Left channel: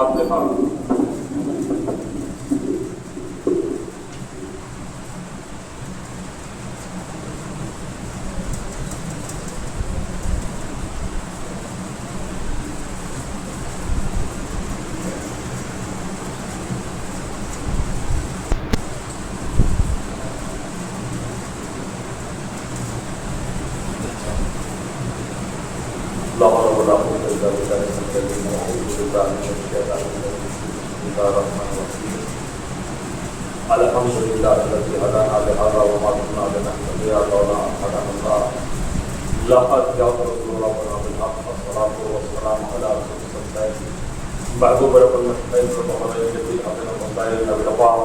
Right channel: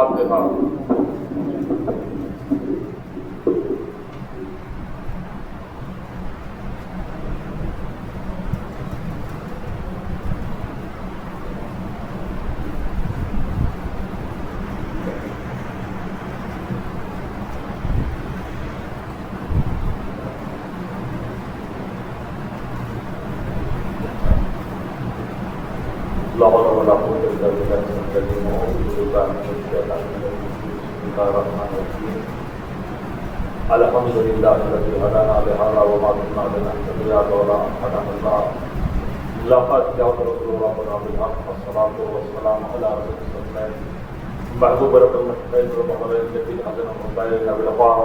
الفاتحہ۔ لا حول ولا قوة إلا بالله العلي العظيم۔ أعوذ بالله من الشيطان الرجيم۔ بسم الله الرحمن الرحيم۔ الحمد لله الذي هدانا لهذا وما كنا لنهتدي لولا أن هدانا الله۔ لقد جاء رسول ربنا بالحق والصلاة والسلام على رسول الله بعد بركة المسلمين وطهر الذي هدانا من دارنا بالغفار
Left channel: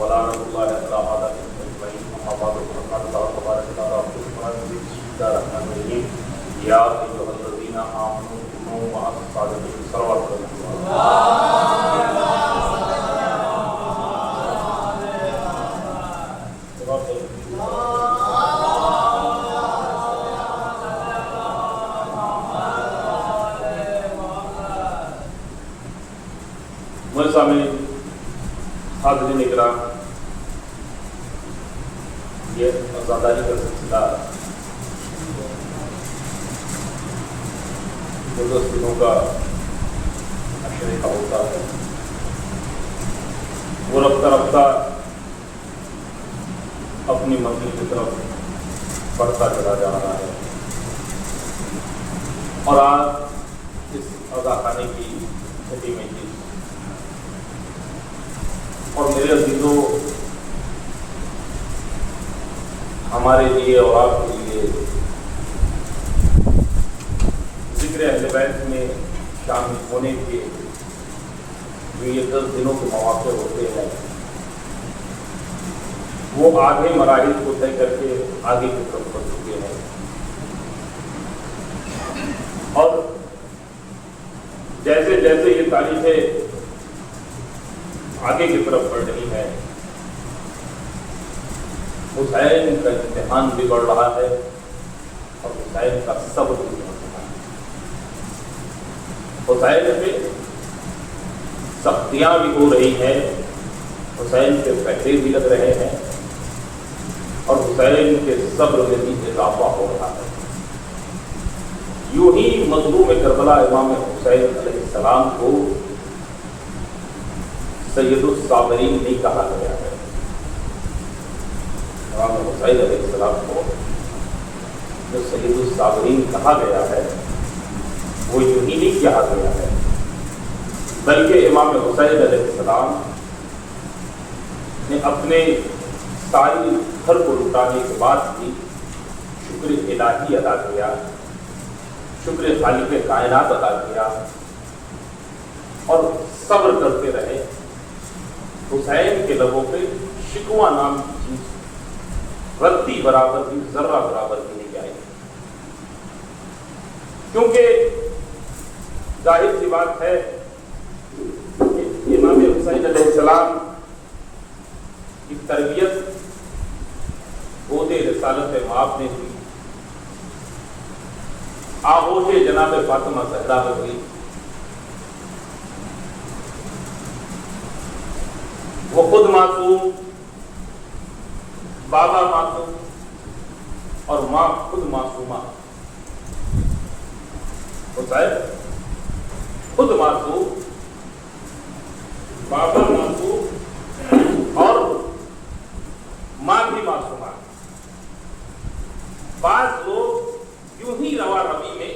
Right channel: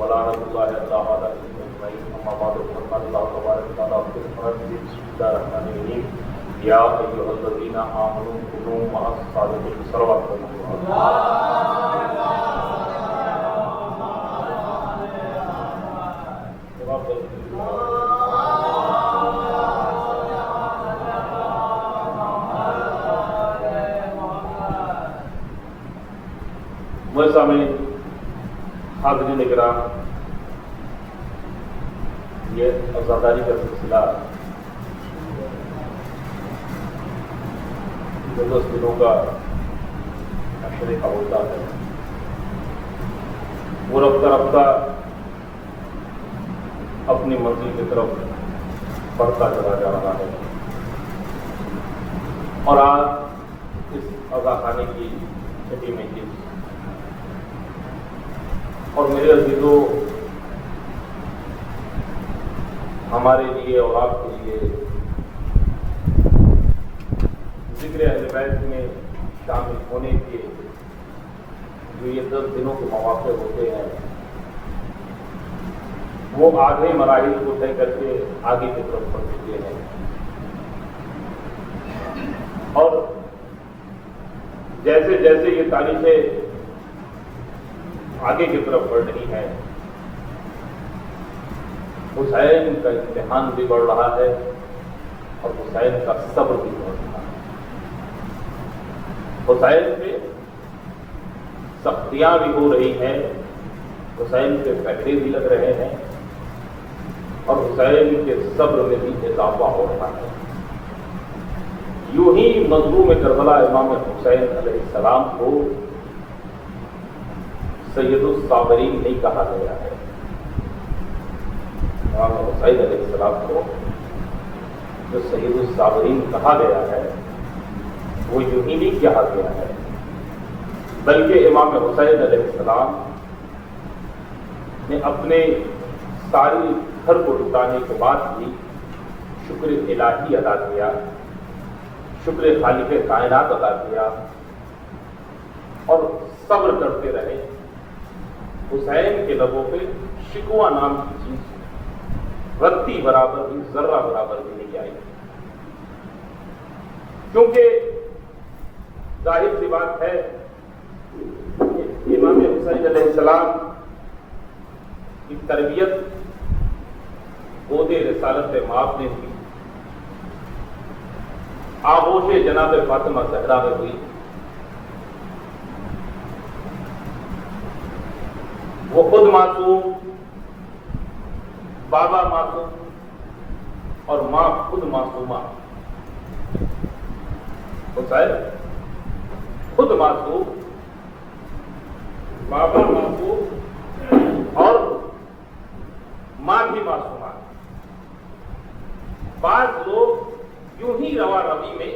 ولا رب الله الا هذا محمد رسول الله تبارك وتعالى بسم الله الرحمن الرحيم يا ايها الذين امنوا كونوا مع الصادقين صلوات اللہ حاضرین کرام، یہ آزاداری کا سلسلہ جو 10 دنوں کا مشورے کا ہوتا ہے، وہ رفتہ رفتہ اپنی مرضی کی طرف بڑھتا چلا جا رہا ہے، اور آج اس اذا خانے کی چھٹی میں چیز اور میرے عزیزوں، ہمارے لیے اور آپ کے لیے ذکر اہل بیت میں شامل ہونے کے جو یہ 10 دنوں کے مواقع ہوتے ہیں، وہ آگے مراحل کو طے کر کے آگے کی طرف بڑھ چکے ہیں، اور جیسے جیسے یہ تاریخیں آگے کی طرف بڑھ رہی ہے، حسین کا امتحان بھی بڑھ رہا ہے اور حسین کا صبر بھی بڑھ رہا ہے۔ حسین پہ سختیاں بھی ہو رہی ہیں، حسین کے پہرے بھی لگ رہے ہیں، اور حسین کے صبر میں بھی اضافہ ہو رہا ہے۔ یوں ہی مظلوم کربلا امام حسین علیہ السلام کو سید الصابرین نہیں کہا گیا ہے۔ امام حسین علیہ السلام کو جو سید الصابرین کہا گیا ہے، وہ یوں ہی نہیں کہا گیا ہے، بلکہ امام حسین علیہ السلام نے اپنے ساری گھر کو لٹانے کے بعد بھی شکر الہی ادا کیا، شکر خالق کائنات ادا کیا، اور صبر کرتے رہے۔ حسین کے لبوں پہ شکوہ نام کی چیز رتی برابر بھی، ذرہ برابر بھی نہیں آئی، کیونکہ ظاہر سی بات ہے کہ امام حسین علیہ السلام کی تربیت عہد رسالت مآب نے ہوئی، آغوش جناب فاطمہ زہرا میں ہوئی، وہ خود معصوم، بابا معصوم، اور ماں خود معصومہ۔ حسین خود معصوم، بابا معصوم، اور ماں بھی معصومہ۔ بعض لوگ یوں ہی روا روی میں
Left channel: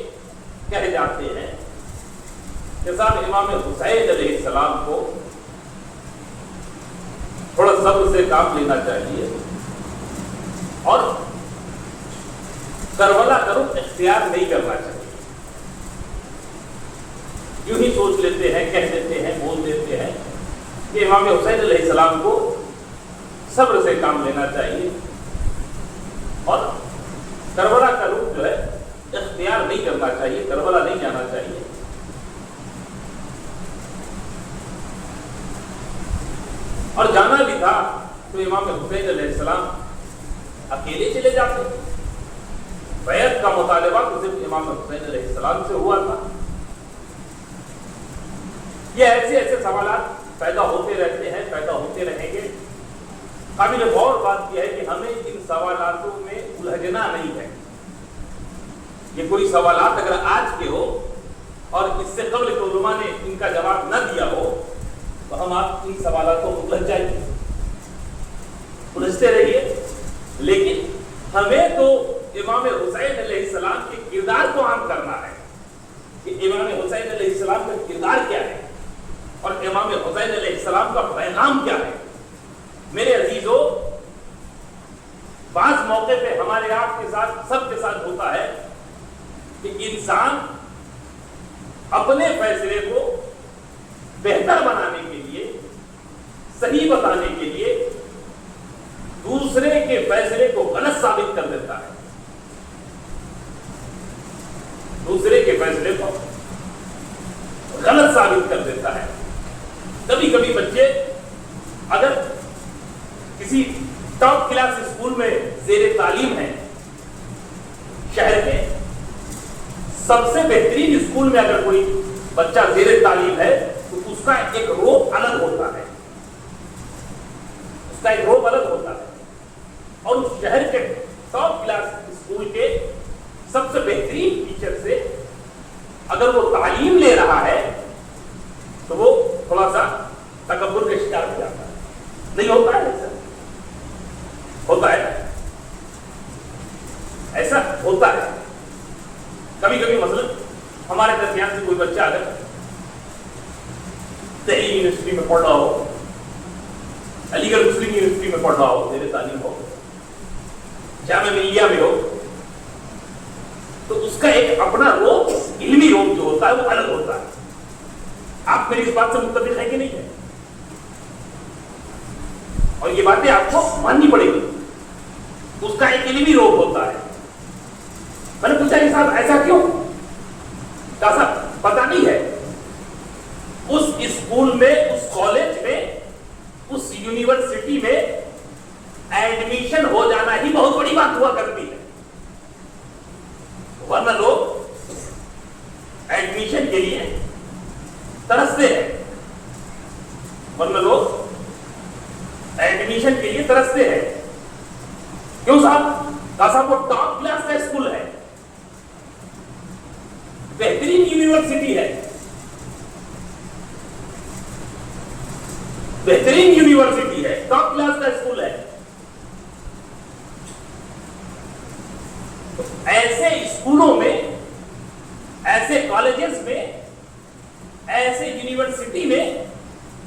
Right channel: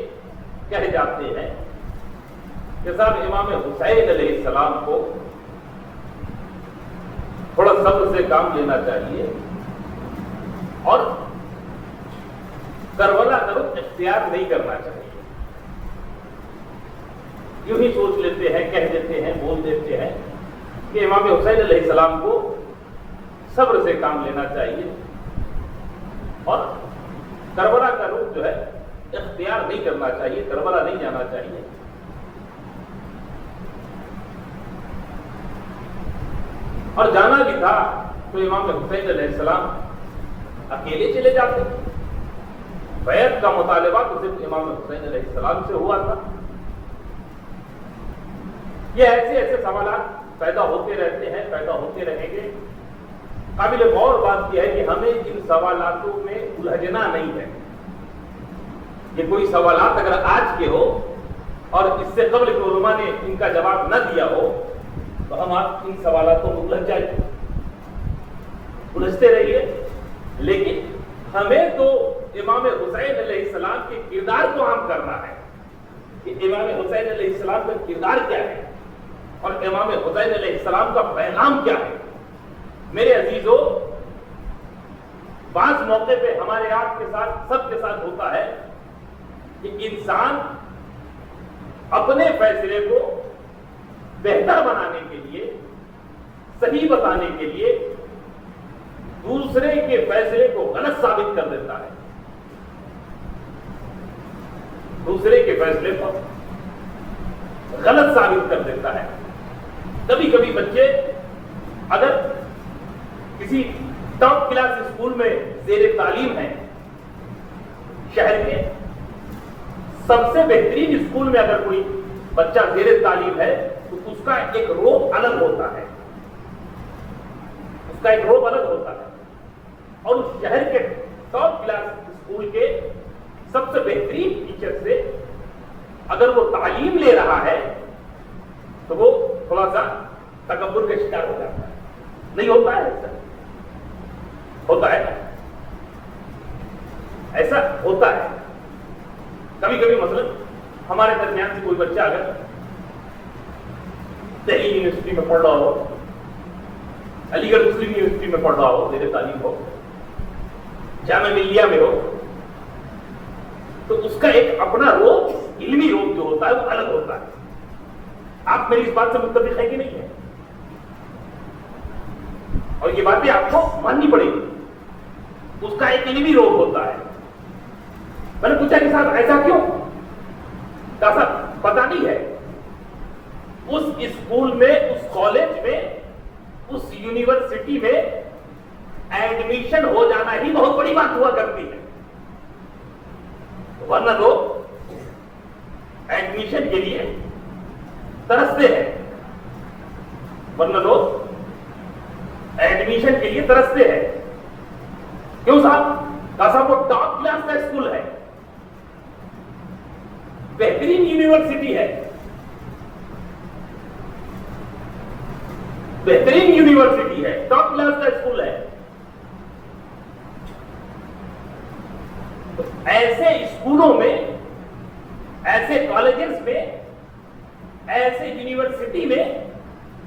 کہہ جاتے ہیں کہ صاحب امام حسین علیہ السلام کو تھوڑا صبر سے کام لینا چاہیے، اور کربلا کا رخ اختیار نہیں کرنا چاہیے۔ یوں ہی سوچ لیتے ہیں، کہہ دیتے ہیں، بول دیتے ہیں کہ امام حسین علیہ السلام کو صبر سے کام لینا چاہیے، اور کربلا کا رخ جو ہے اختیار نہیں کرنا چاہیے، کربلا نہیں جانا چاہیے۔ اور جانا بھی تھا تو امام حسین علیہ السلام اکیلے چلے جاتے. بیعت کا مطالبہ تو صرف امام حسین علیہ السلام سے ہوا تھا. یہ ایسے ایسے سوالات پیدا ہوتے رہتے ہیں، پیدا ہوتے رہیں گے. قابل غور بات یہ ہے کہ ہمیں ان سوالاتوں میں الجھنا نہیں ہے. یہ کوئی سوالات اگر آج کے ہو اور اس سے قبل کے علماء نے ان کا جواب نہ دیا ہو تو ہم آپ ان سوالاتوں میں الجھ جائیں گے، الجھتے رہیے. لیکن ہمیں تو امام حسین علیہ السلام کے کردار کو عام کرنا ہے کہ امام حسین علیہ السلام کا کردار کیا ہے اور امام حسین علیہ السلام کا پیغام کیا ہے. میرے عزیزو، بعض موقع پہ ہمارے آپ کے ساتھ، سب کے ساتھ ہوتا ہے کہ انسان اپنے فیصلے کو بہتر بنانے کے لیے، صحیح بتانے کے لیے دوسرے کے فیصلے کو غلط ثابت کر دیتا ہے. دوسرے کے فیصلے کو غلط ثابت کر دیتا ہے. کبھی کبھی بچے اگر کسی ٹاپ کلاس اسکول میں زیر تعلیم ہے، شہر کے سب سے بہترین اسکول میں اگر کوئی بچہ زیر تعلیم ہے تو اس کا ایک روپ الگ ہوتا ہے، اس کا ایک روپ الگ ہوتا ہے. اور اس شہر کے ٹاپ کلاس اسکول کے سب سے بہترین ٹیچر سے اگر وہ تعلیم لے رہا ہے تو وہ تھوڑا سا تکبر کا شکار ہو جاتا ہے. نہیں ہوتا ہے ایسا؟ ہوتا ہے، ایسا ہوتا ہے. کبھی کبھی مثلا ہمارے درمیان سے کوئی بچہ اگر دہلی یونیورسٹی میں پڑھ رہا ہو، علی گڑھ مسلم یونیورسٹی میں پڑھ رہا ہو، زیر تعلیم ہو، جامعہ ملیہ میں ہو، تو اس کا ایک اپنا روپ، علمی روپ جو ہوتا ہے وہ الگ ہوتا ہے. آپ میری اس بات سے متفق ہے کہ نہیں ہے؟ اور یہ باتیں آپ کو ماننی پڑے گی. اس کا ایک علمی روپ ہوتا ہے. میں نے پوچھا کہ صاحب ایسا کیوں؟ کہا صاحب پتہ نہیں ہے. اس اسکول میں، اس کالج میں، اس یونیورسٹی میں ایڈمیشن ہو جانا ہی بہت بڑی بات ہوا کرتی ہے. ورنہ لوگ ایڈمیشن کے لیے ترستے ہیں، ورنہ لوگ ایڈمیشن کے لیے ترستے ہیں. کیوں صاحب؟ کہا صاحب وہ ٹاپ کلاس کا اسکول ہے، بہترین یونیورسٹی ہے، بہترین یونیورسٹی ہے، ٹاپ کلاس کا اسکول ہے. تو ایسے اسکولوں میں، ایسے کالجز میں، ایسے یونیورسٹی میں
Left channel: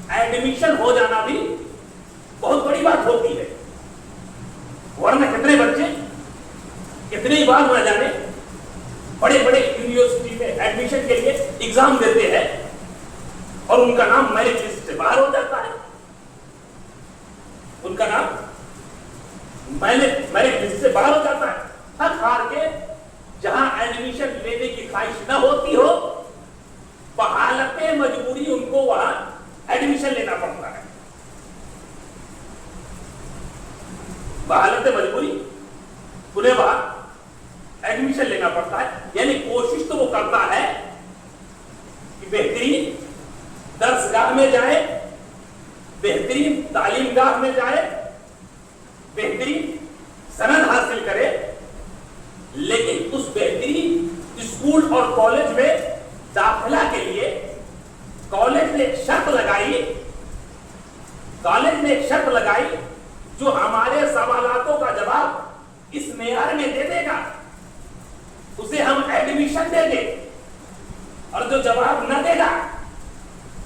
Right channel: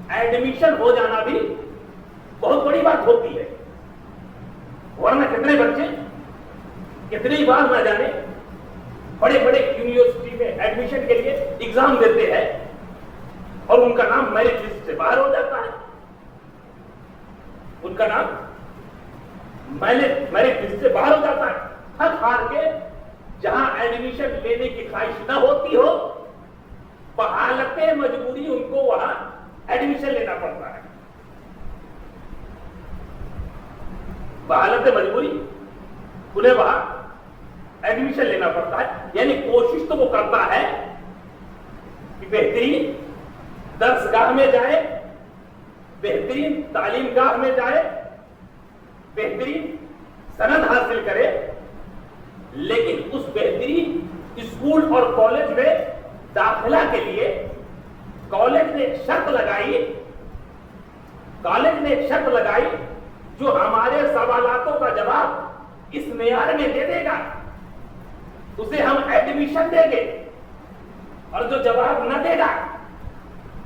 ایڈمیشن ہو جانا بھی بہت بڑی بات ہوتی ہے. ورنہ کتنے بچے کتنی بار نہ جانے بڑے بڑے یونیورسٹی میں ایڈمیشن کے لیے ایگزام دیتے ہیں اور ان کا نام میرٹ لسٹ سے باہر ہو جاتا ہے. ان کا نام میرٹ لسٹ سے باہر ہو جاتا ہے. تھک ہار کے جہاں ایڈمیشن لینے کی خواہش نہ ہوتی ہو، بحالت مجبوری ان کو وہاں ایڈمیشن لینا پڑتا ہے. بحالت مجبوری انہیں وہاں ایڈمیشن لینا پڑتا ہے. یعنی کوشش تو وہ کرتا ہے کہ بہترین درس گاہ میں جائے، بہترین تعلیم گاہ میں جائے، بہترین سند حاصل کرے. لیکن اس بہترین اسکول اور کالج میں داخلہ کے لیے کالج نے ایک شرط لگائی جو ہمارے سوالاتوں کا جواب اس معیار میں دے دے گا اسے ہم ایڈمیشن دیں گے، اور جو جواب نہ دے گا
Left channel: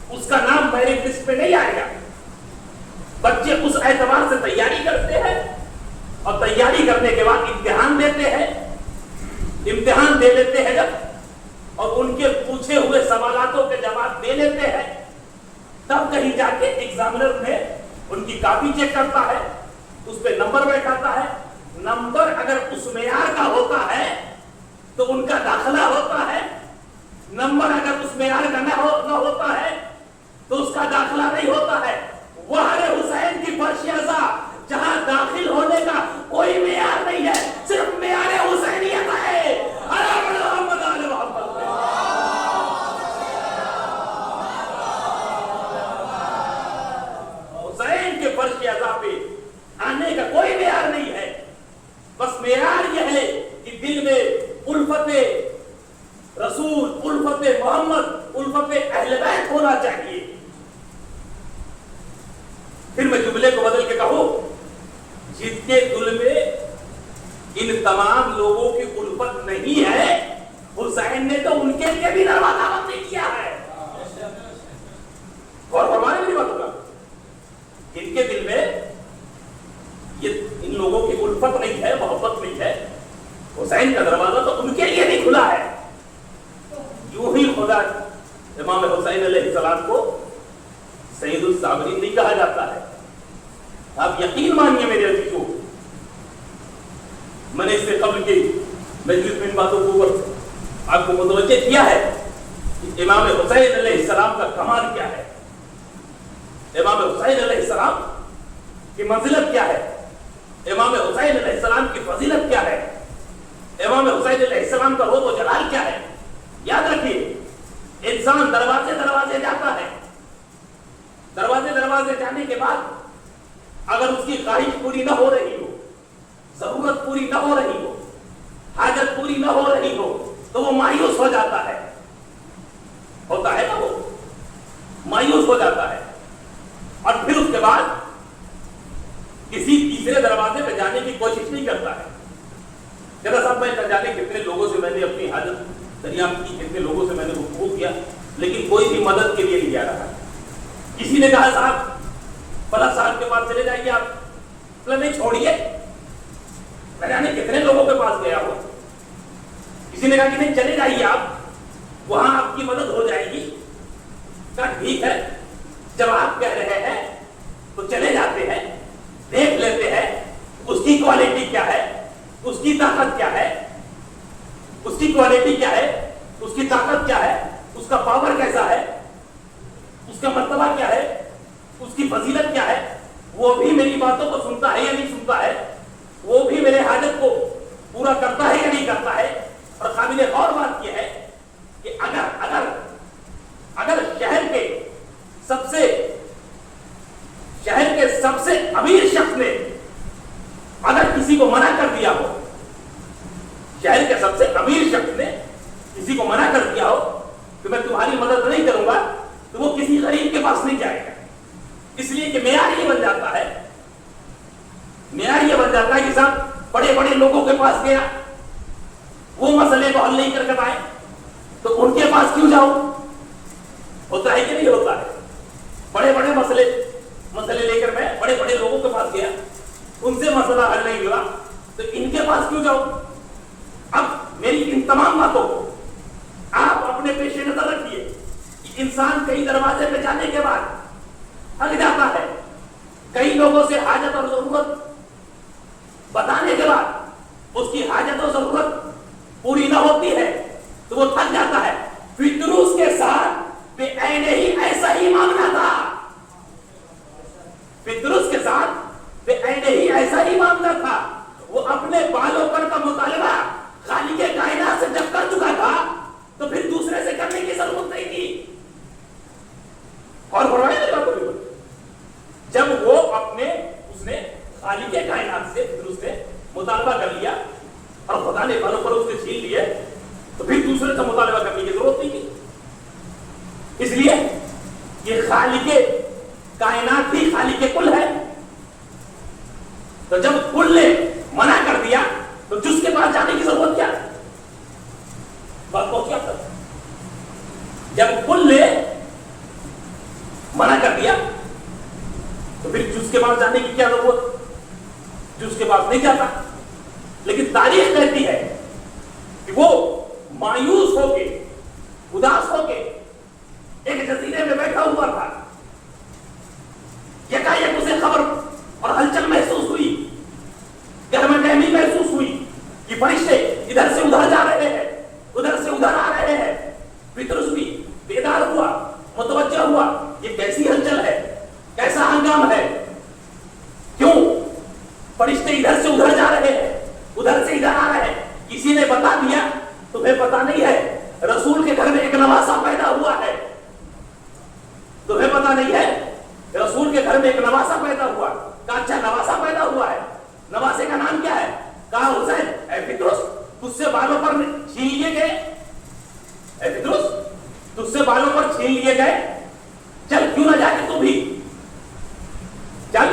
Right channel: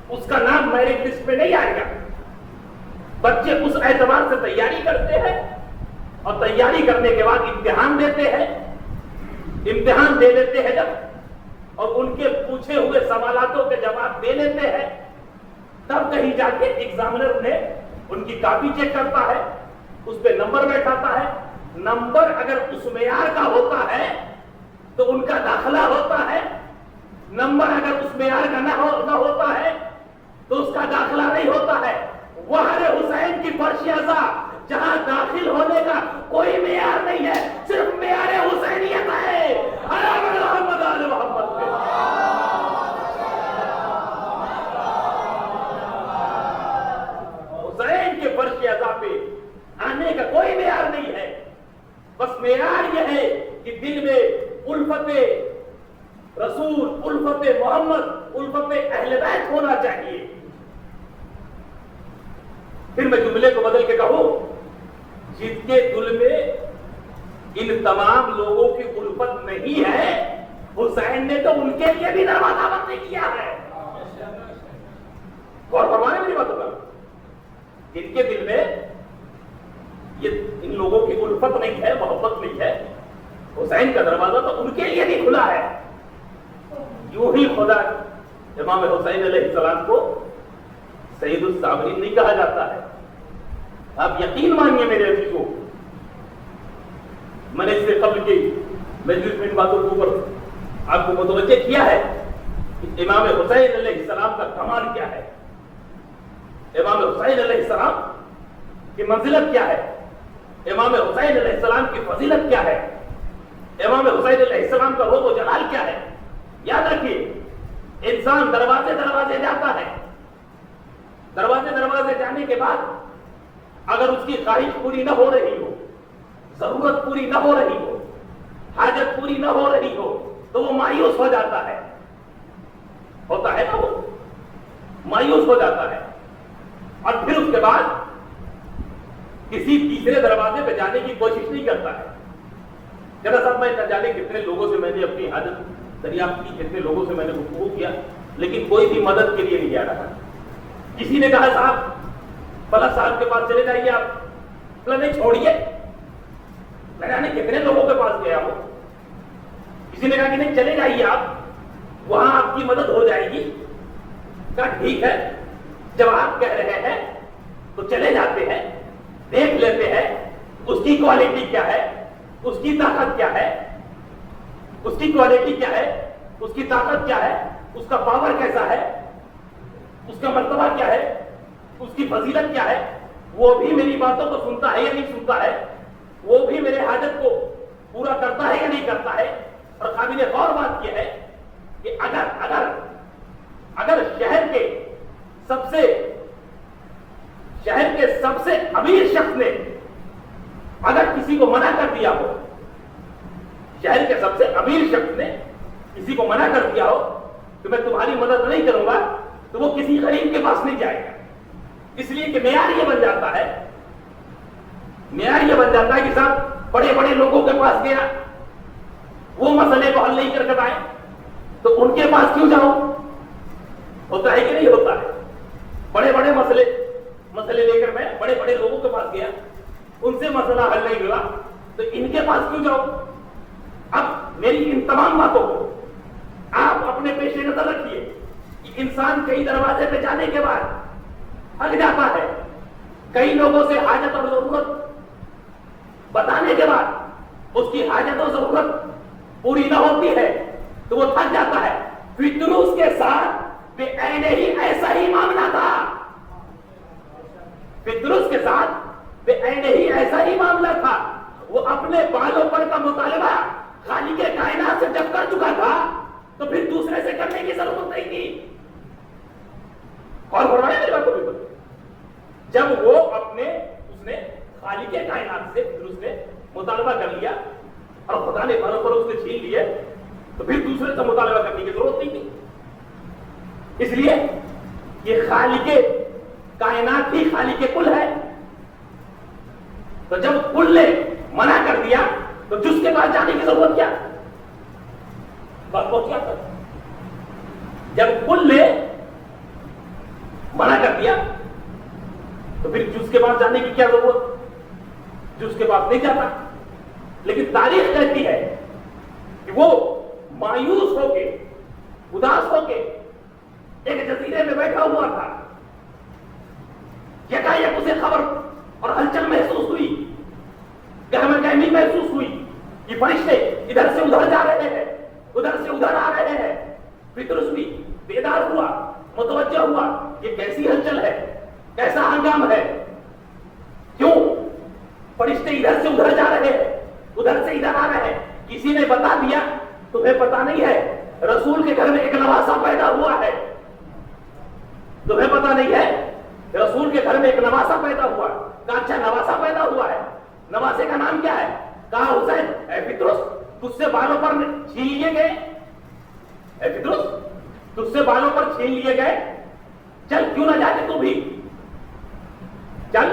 اس کا نام میرٹ لسٹ پہ نہیں آئے گا. بچے اس اعتبار سے تیاری کرتے ہیں اور تیاری کرنے کے بعد امتحان دیتے ہیں. امتحان دے لیتے ہیں جب اور ان کے پوچھے ہوئے سوالاتوں کے جواب دے لیتے ہیں، تب کہیں جا کے ایگزامنر نے ان کی کاپی چیک کرتا ہے، اس پہ نمبر بیٹھاتا ہے. نمبر اگر اس معیار کا ہوتا ہے تو ان کا داخلہ ہوتا ہے. نمبر اگر اس معیار کا نہ ہوتا ہے تو اس کا داخلہ نہیں ہوتا ہے. وہ حسین کی فرش ازا فرش عزا پہ آنے کا کوئی معیار نہیں ہے. بس معیار یہ ہے کہ دل میں الفت رسول، الفت محمد، الفت اہل بیت ہونا چاہیے. پھر میں جملے کو بدل کے کہوں، جن کے دل میں ان تمام لوگوں کی الفت نہیں ہے، حسین نے تو ان کے لیے بھی دروازہ بند نہیں کیا ہے. اور ہمارے بھی بات ہوگا، جن کے دل میں یہ ان لوگوں کی الفت نہیں ہے، محبت نہیں ہے، حسین کا دروازہ تو ان کے لیے بھی کھلا ہے. یوں ہی خدا امام حسین علیہ السلام کو سید الصابرین نہیں کہا جاتا ہے. آپ یقین مانیے میرے عزیزوں، میں نے اس سے قبل کی مجلس میں ان باتوں کو آپ کو متوجہ کیا ہے کہ امام حسین علیہ السلام کا کمال کیا ہے، امام حسین علیہ السلام کی منزلت کیا ہے، امام حسین علیہ السلام کی فضیلت کیا ہے، امام حسین علیہ السلام کا روب و جلال کیا ہے. یاد رکھیے، انسان دروازے دروازے جاتا ہے، دروازے دروازے جانے کے بعد اگر اس کی خواہش پوری نہ ہو رہی ہو، ضرورت پوری نہ ہو رہی ہو، حاجت پوری نہ ہو رہی ہو، تو وہ مایوس ہو جاتا ہے. ہوتا ہے نا، وہ مایوس ہو جاتا ہے. اور پھر اس کے بعد کسی تیسرے دروازے پہ جانے کی کوشش نہیں کرتا ہے. ذرا سب میں نہ جانے کتنے لوگوں سے میں نے اپنی حاجت دریافت کی، کتنے لوگوں سے میں نے گفتگو کیا، لیکن کوئی بھی مدد کے لیے نہیں آ رہا. کسی نے کہا صاحب فلاں صاحب کے پاس چلے جائیے آپ، فلاں نہیں چھوڑیے، نہ جانے کتنے لوگوں کے پاس گیا ہو. کسی نے کہا کہ نہیں چلے جائیے آپ، وہاں آپ کی مدد ہو جائے گی. کہا ٹھیک ہے، جب آپ کہہ رہے ہیں تو چلے جاتے ہیں، دیکھ لیتے ہیں اس کی کوالٹی کیا ہے، اس کی طاقت کیا ہے، اس کی کوالٹی کیا ہے، اس کی طاقت کیا ہے، اس کا پاور کیسا ہے، اس کا مرتبہ کیا ہے، اس کی فضیلت کیا ہے. وہ بھی میری باتوں کو سنتا ہے یا نہیں سنتا ہے، وہ بھی میرے حاجت کو پورا کرتا ہے یا نہیں کرتا ہے. اور قابل غور بات یہ ہے کہ اگر شہر کے سب سے امیر شخص نے اگر کسی کو منع کر دیا ہو، شہر کے سب سے امیر شخص نے کسی کو منع کر دیا ہو کہ میں تمہاری مدد نہیں کروں گا، تو وہ کسی غریب کے پاس نہیں جائے گا. اس لیے کہ معیار یہ بن جاتا ہے، معیار یہ بن جاتا ہے کہ صاحب بڑے بڑے لوگوں کے پاس گیا، وہ مسئلے کو حل نہیں کر کے آئے تو ان کے پاس کیوں جاؤ. ہوتا ہے کہ نہیں ہوتا ہے؟ بڑے بڑے مسئلے لے کر میں بڑے بڑے لوگوں کے پاس گیا، ان سے مسئلہ حل نہیں ہوا تو ان کے پاس کیوں جاؤ. اب میری ان تمام باتوں کو آپ اپنے پیش نظر رکھیے کہ انسان کئی دروازے پہ جانے کے بعد تھک جاتا ہے، کئی لوگوں سے حاجت اور ضرورت بتانے کے بعد اس کی حاجت اور ضرورت پوری نہ ہوتی ہے تو وہ تھک جاتا ہے. فطروس کے ساتھ بے عین ہی ایسا ہی معاملہ تھا، فطروس کے ساتھ بے عین ہی ایسا ہی معاملہ تھا. وہ اپنے بالوں پر کا مطالبہ خالق کائنات سے جب کر چکا تھا تو پھر دوسرے سے کرنے کی ضرورت نہیں تھی. اور فرمایا میری بات کو، جب وہ اس نے خالق کائنات سے پھر اس نے مطالبہ کر لیا اور خدا نے بالوں پر اس سے چھین لیے تو پھر دوسرے سے مطالبہ کرنے کی ضرورت نہیں تھی. اس لیے یہ خالق کائنات ہی خالق کل ہے. تو جب کل نے منع کر دیا تو جس کے پاس جانے کی ضرورت کیا؟ بات کو کیا تھا؟ جب کل نے منع کر دیا تو پھر جس کے پاس جانے کی کیا ضرورت؟ جس کے پاس نہیں جاتا. لیکن تاریخ کہتی ہے کہ وہ مایوس ہو کے، اداس ہو کے ایک جزیرے میں بیٹھا ہوا تھا. یکایک اسے خبر اور ہلچل محسوس ہوئی، گہما گہمی محسوس ہوئی کہ فرشتے ادھر سے ادھر جا رہے ہیں، ادھر سے ادھر آ رہے ہیں. پطرس بھی بیدار ہوا، متوجہ ہوا، یہ کیسی ہلچل ہے، کیسا ہنگام ہے، کیوں فرشتے ادھر سے ادھر جا رہے ہیں، ادھر سے ادھر آ رہے ہیں. کسی نے بتا دیا تمہیں پتا نہیں ہے رسول کے گھر میں ایک نواسا پیدا ہوا ہے. تمہیں پتا نہیں ہے رسول کے گھر میں ایک نواسا پیدا ہوا. نواسے کا نام کیا ہے؟ کہا حسین اے پتروس تجھ سے بالوں پر چھین لیے گئے، اے پتروس تجھ سے بالوں پر چھین لیے گئے، چل کیوں نہ جا کے تو بھی، چل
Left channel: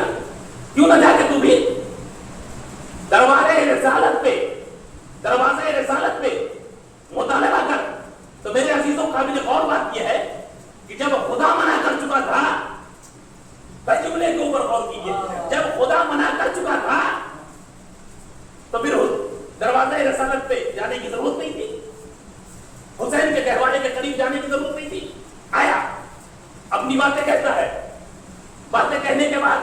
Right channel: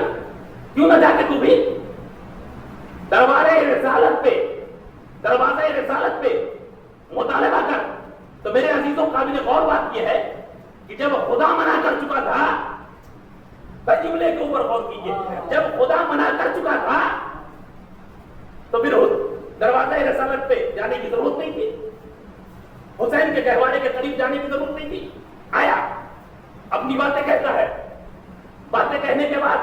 کیوں نہ جا کے تو بھی دروازے رسالت پہ مطالبہ کر۔ تو میرے عزیزوں قابل غور بات یہ ہے کہ جب خدا منع کر چکا تھا، جملے کے اوپر غور کیجیے، جب خدا منع کر چکا تھا تو پھر دروازہ رسالت پہ جانے کی ضرورت نہیں تھی، حسین کے گہوارے کے قریب جانے کی ضرورت نہیں تھی۔ آیا اپنی باتیں کہتا ہے، باتیں کہنے کے بعد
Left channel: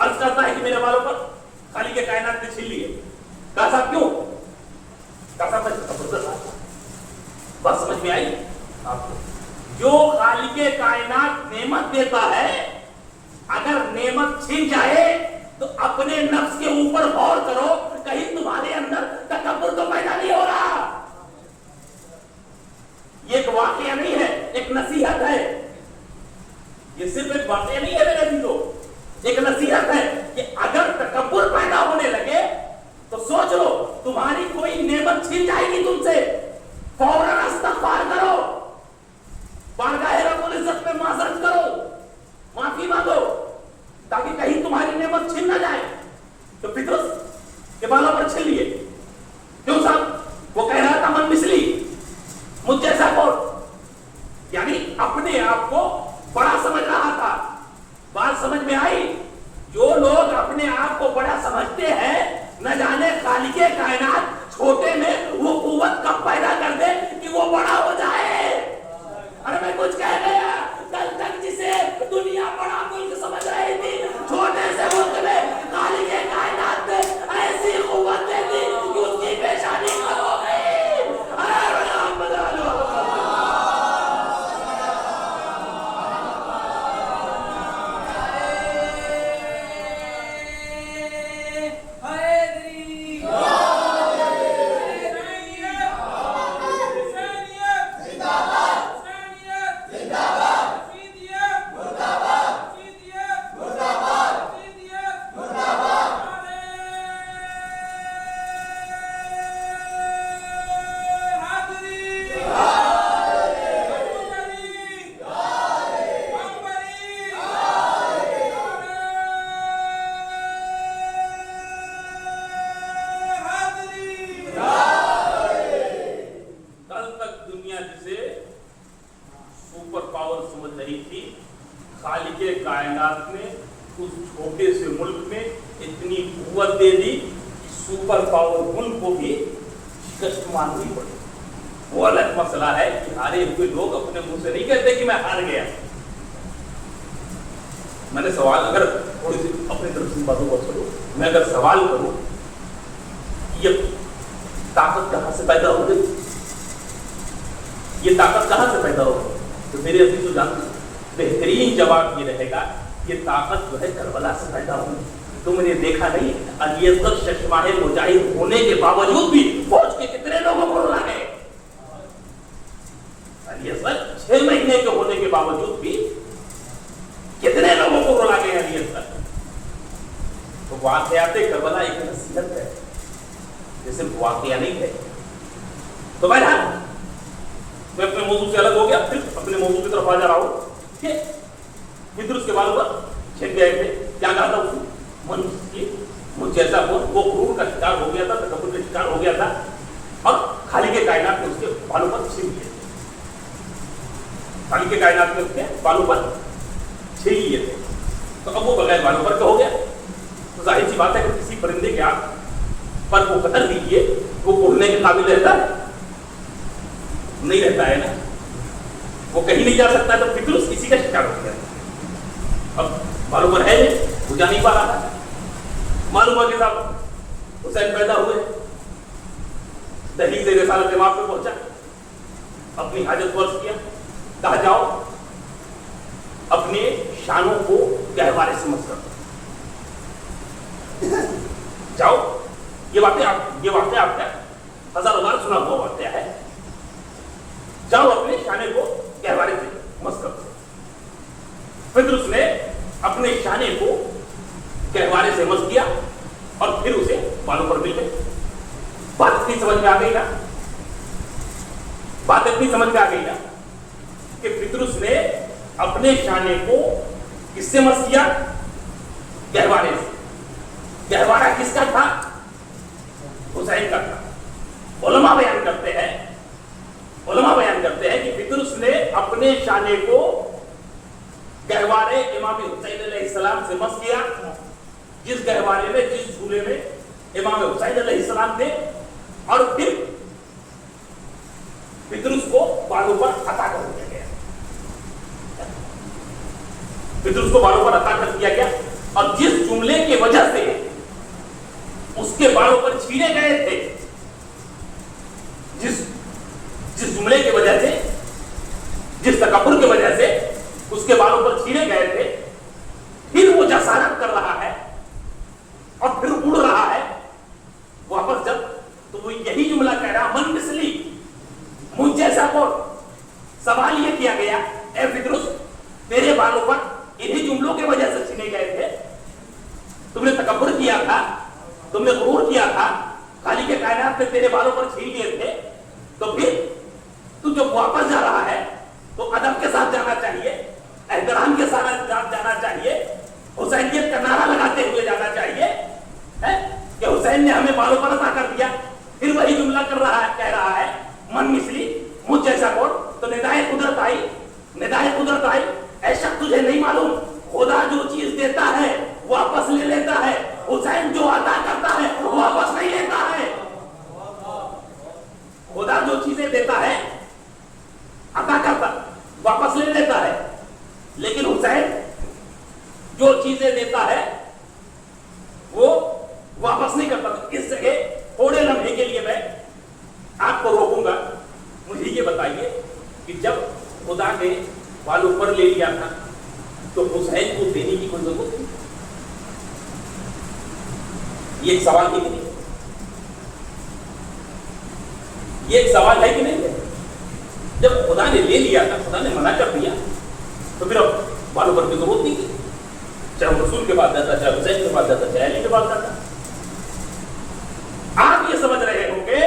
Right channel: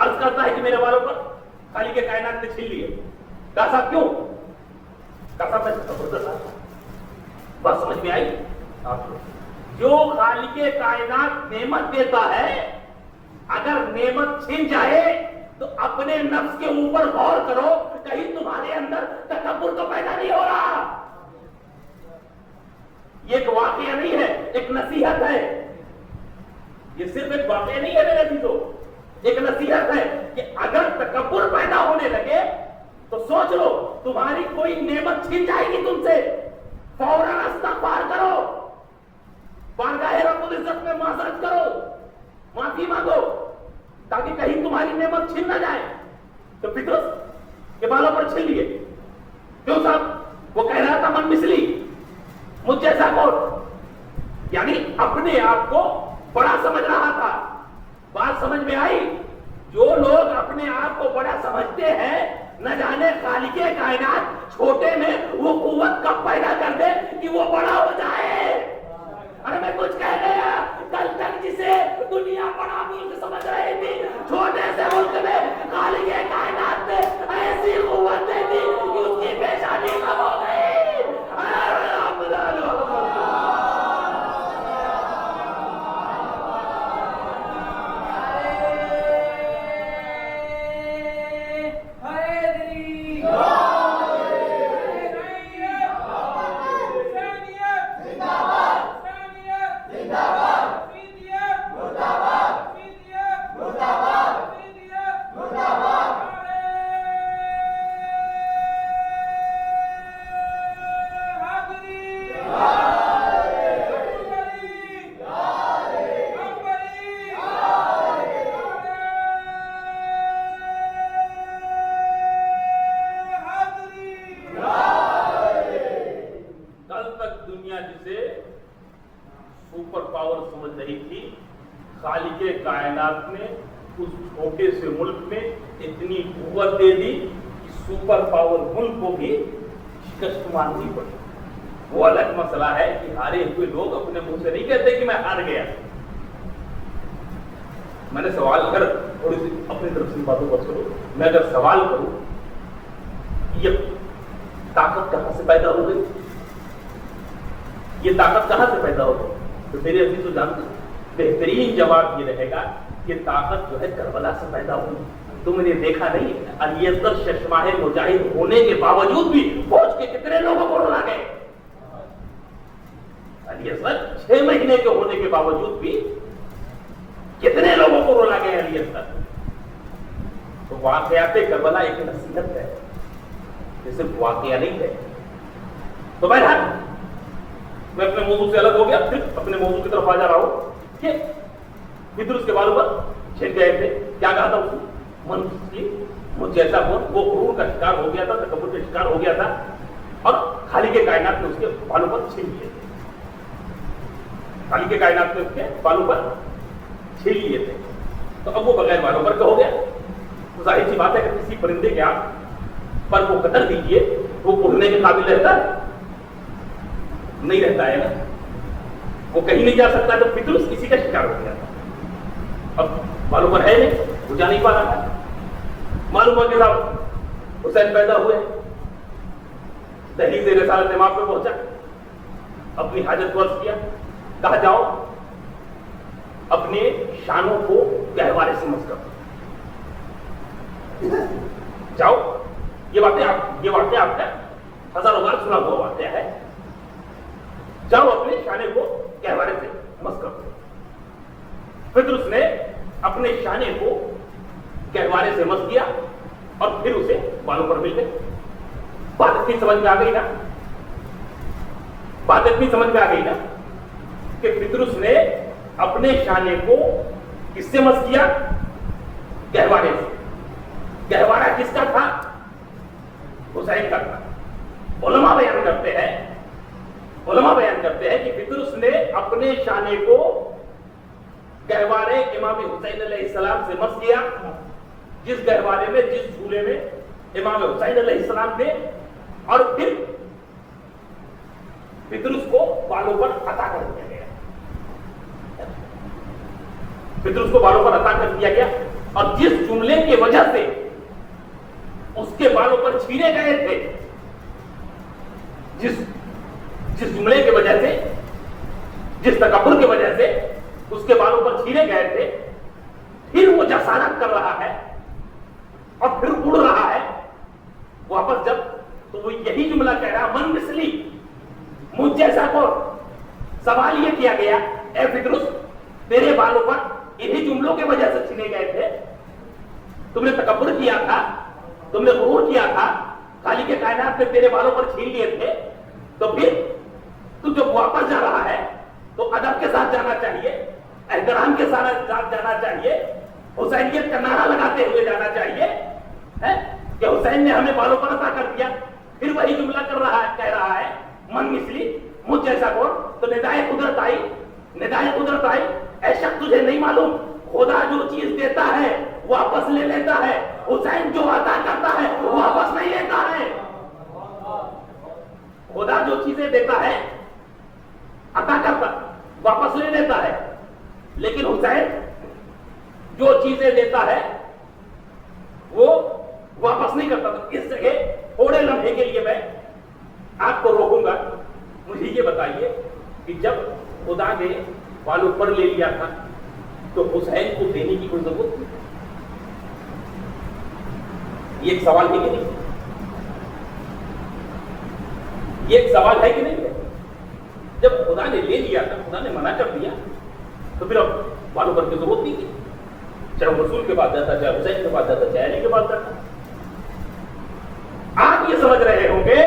عرض کرتا ہے کہ میرے بالوں پر خالق کے کائنات نے چھین لیے۔ کہا صاحب کیوں؟ کہا صاحب بس سمجھ میں آئی آپ کو؟ جو خالق کائنات نعمت دیتا ہے، اگر نعمت چھین جائے تو اپنے نفس کے اوپر غور کرو، کہیں تمہارے اندر تکبر تو پیدا نہیں ہو رہا۔ یہ ایک واقعہ نہیں ہے، ایک نصیحت ہے، یہ صرف ایک واقعہ نہیں ہے میرے عزیزوں، ایک نصیحت ہے کہ اگر تکبر پیدا ہونے لگے تو سوچ لو تمہاری کوئی نعمت چھین جائے گی تم سے، فوراً استغفار کرو، بارگاہ رب العزت میں معذرت کرو، معافی مانگو، تاکہ کہیں تمہاری نعمت چھین نہ جائے۔ تو پترس کے بالوں پر چھین لیے کیوں صاحب؟ وہ کہہ رہا تھا من مثلی، مجھ جیسا کون، یعنی اپنے آپ کو بڑا سمجھ رہا تھا۔ بات سمجھ میں آئی؟ جو لوگ اپنے آپ کو بڑا سمجھتے ہیں، نہ جانے خالق کائنات چھوٹے میں وہ قوت کب پیدا کر دے کہ وہ بڑا ہو جائے۔ ارے میں کچھ کہہ گیا، کل تک جسے دنیا بڑا ملک سمجھ رہی تھی، چھوٹے سے ملک میں خالق کائنات نے ایسی قوت دے دی کہ اس کی پیشانی کم ہو گئی۔ مجاہد ہونے کے باوجود بھی فوج کے کتنے لوگوں کو رلا گئے، 6 مہینے کے ہونے کے باوجود بھی کتنے لوگوں کو رلا گئے علی اصغر۔ تو واقعات کربلا ایک نصیحت ہے، جیسے واقعہ نہیں ہے۔ تو بہرحال میں اپنے موضوع سے الگ ہو گیا، پھر اپنے موضوع کی طرف آ جا رہا ہوں کہ پترس کے بالوں پر چھین گئے تھے۔ کیا کہا تھا اس نے؟ من کی مجھ جیسا وہ غرور کا شکار ہو گیا تھا، تکبر کا شکار ہو گیا تھا، اور خالق کائنات نے اس کے بالوں پر چھین لیے تھے، خالق کائنات نے اس کے بالوں پر چھین لیے تھے۔ تو اب وہ بغیر بالوں پر ہو گیا، تو ظاہر سی بات ہے کہ کسی پرندے کے آپ پر وہ قتل دیجیے، وہ اڑنے کے قابل رہتا ہے؟ نہیں رہتا ہے نا، وہ کہیں نہیں جا سکتا۔ تو پترس کسی کا شکار ہو گیا، اب بالوں پر ہے نہیں، وہ جا نہیں پا رہا ہے۔ معلوم ہو کہ صاحب حسین پیدا ہوئے، دہلیز رسالت امام پہ پہنچا، اپنی حاجت ورز کیا، کہا جاؤ اپنے شانوں کو گہوارے سے مس کرو، جاؤ۔ یہ واقعہ آپ کا ہزاروں بار سنا ہوا واقعہ ہے، جاؤ اپنے شانے کو گہوارے سے مس کرو۔ پترس نے اپنے شانے کو گہوارے سے مس کیا، اور پھر اسے بالوں پر مل گئے. بات اتنی سمجھ میں آ گئی نا, بات اتنی سمجھ میں آ گئی نا کہ پطرس نے اپنے شانے کو کس سے مس کیا؟ گہوارے سے. گہوارہ کس کا تھا؟ حسین کا تھا. علماء بیان کرتے ہیں کہ پطرس نے اپنے شانے کو گہوارے امام حسین علیہ السلام سے مس کیا, جس گہوارے میں, جس جھولے میں امام حسین علیہ السلام تھے, اور پھر پطرس کو بالوں پر عطا کر دیا گیا. پطرس کو بالوں پر عطا کر دیا گیا, اور جس جملے کی وجہ سے اس کے بالوں پر چھینے گئے تھے, جس جملے کی وجہ سے, جس تکبر کی وجہ سے اس کے بالوں پر چھینے گئے تھے, پھر وہ جسارت کر رہا ہے اور پھر اڑ رہا ہے واپس جب, تو وہ یہی جملہ کہہ رہا, من مثلی, مجھ جیسا کو. سوال یہ کیا گیا, اے پطرس تیرے بالوں پر انہی جملوں کی وجہ سے چھینے گئے تھے, تم نے تکبر کیا تھا, تم نے غرور کیا تھا, خالق کائنات نے تیرے بالوں پر چھین لیے تھے, تو پھر تو جب واپس جا رہا ہے تو ادب کے ساتھ جانا چاہیے, احترام کے ساتھ جانا چاہیے, حسینیت کا نعرہ لگاتے ہوئے جانا چاہیے کہ حسین نے ہمیں بالوں پر عطا کر دیا. پھر وہی جملہ کہہ رہا ہے, من مثلی, مجھ جیسا کون. تو ندائے قدرت آئی, اے شخص تجھے نہیں معلوم, خدا جو چیز دیتا ہے واپس لے لیتا ہے, حسین جو عطا کرتا ہے واپس نہیں لیتا ہے. خدا جو چیزیں دیتا ہے عطا کرتا, واپس لے لیتا ہے, لیکن حسین جو چیزیں دیتا ہے وہ واپس نہیں کرتا. اس جگہ تھوڑے لمحے کے لیے میں آپ کو روکوں گا. مجھے یہ بتائیے کہ جب خدا نے بالوں پر لے لیا تھا تو حسین کو دینے کی کوئی ضرورت تھی؟ یہ ایک سوال ہے کہ نہیں؟ یہ ایک سوال ہے کہ نہیں؟ جب خدا نے لے لیا تھا, خدا نے منع کر دیا, تو پھر اب بالوں پر کی ضرورت نہیں کی. چاہے رسول کے پاس جاتا, چاہے حسین کے پاس جاتا, چاہے علی کے پاس جاتا. آپ یہ سمجھ رہے ہوں گے,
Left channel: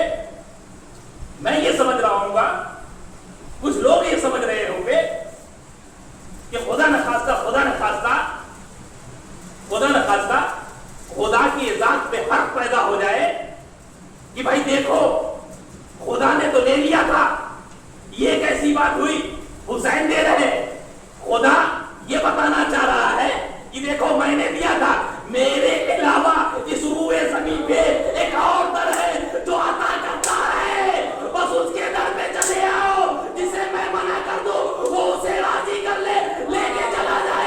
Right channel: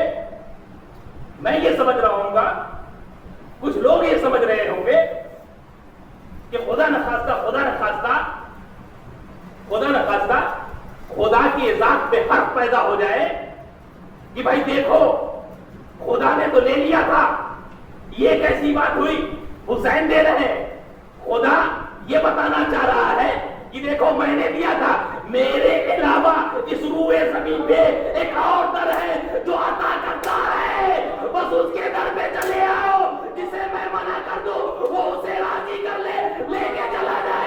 میں یہ سمجھ رہا ہوں گا, کچھ لوگ یہ سمجھ رہے ہوں گے کہ خدا نخواستہ خدا کی ذات پہ حق پیدا ہو جائے کہ بھائی دیکھو خدا نے تو لے لیا تھا, یہ کیسی بات ہوئی, حسین دے رہے. خدا یہ بتانا چاہ رہا ہے کہ دیکھو میں نے دیا تھا, میرے علاوہ اس روئے زمین پہ ایک اور در ہے جو عطا کرتا ہے, بس اس کے در پہ چلے آؤ, جسے میں منع کر دوں وہ اسے راضی کر لے کے چلا جائے.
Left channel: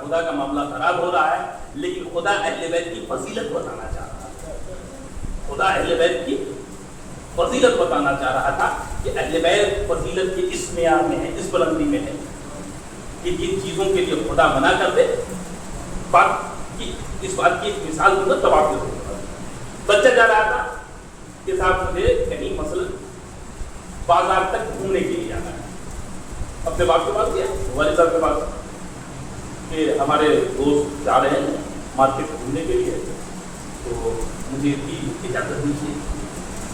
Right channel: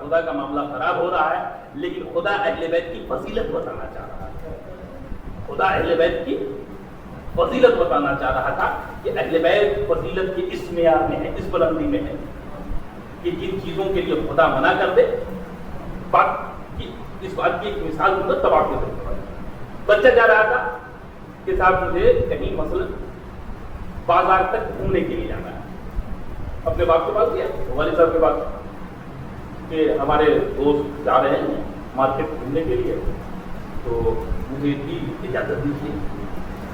خدا کا معاملہ خراب ہو رہا ہے, لیکن خدا اہل بیت کی فضیلت بتانا چاہ رہا تھا. خدا اہل بیت کی فضیلت بتانا چاہ رہا تھا کہ اہل بیت فضیلت کے اس معیار میں ہے, اس بلندی میں ہے کہ جن چیزوں کے لیے خدا منع کر دے. اس بات کی ایک مثال دوں گا, تب آپ کو بچہ جا رہا تھا کہ صاحب مجھے کہیں مثلا بازار تک گھومنے کے لیے جانا ہے. اپنے باپ کے پاس گیا, والد صاحب کے پاس, کہ ہمارے دوست جا رہے ہیں مارکیٹ گھومنے کے لیے, تو مجھے اجازت دیجیے.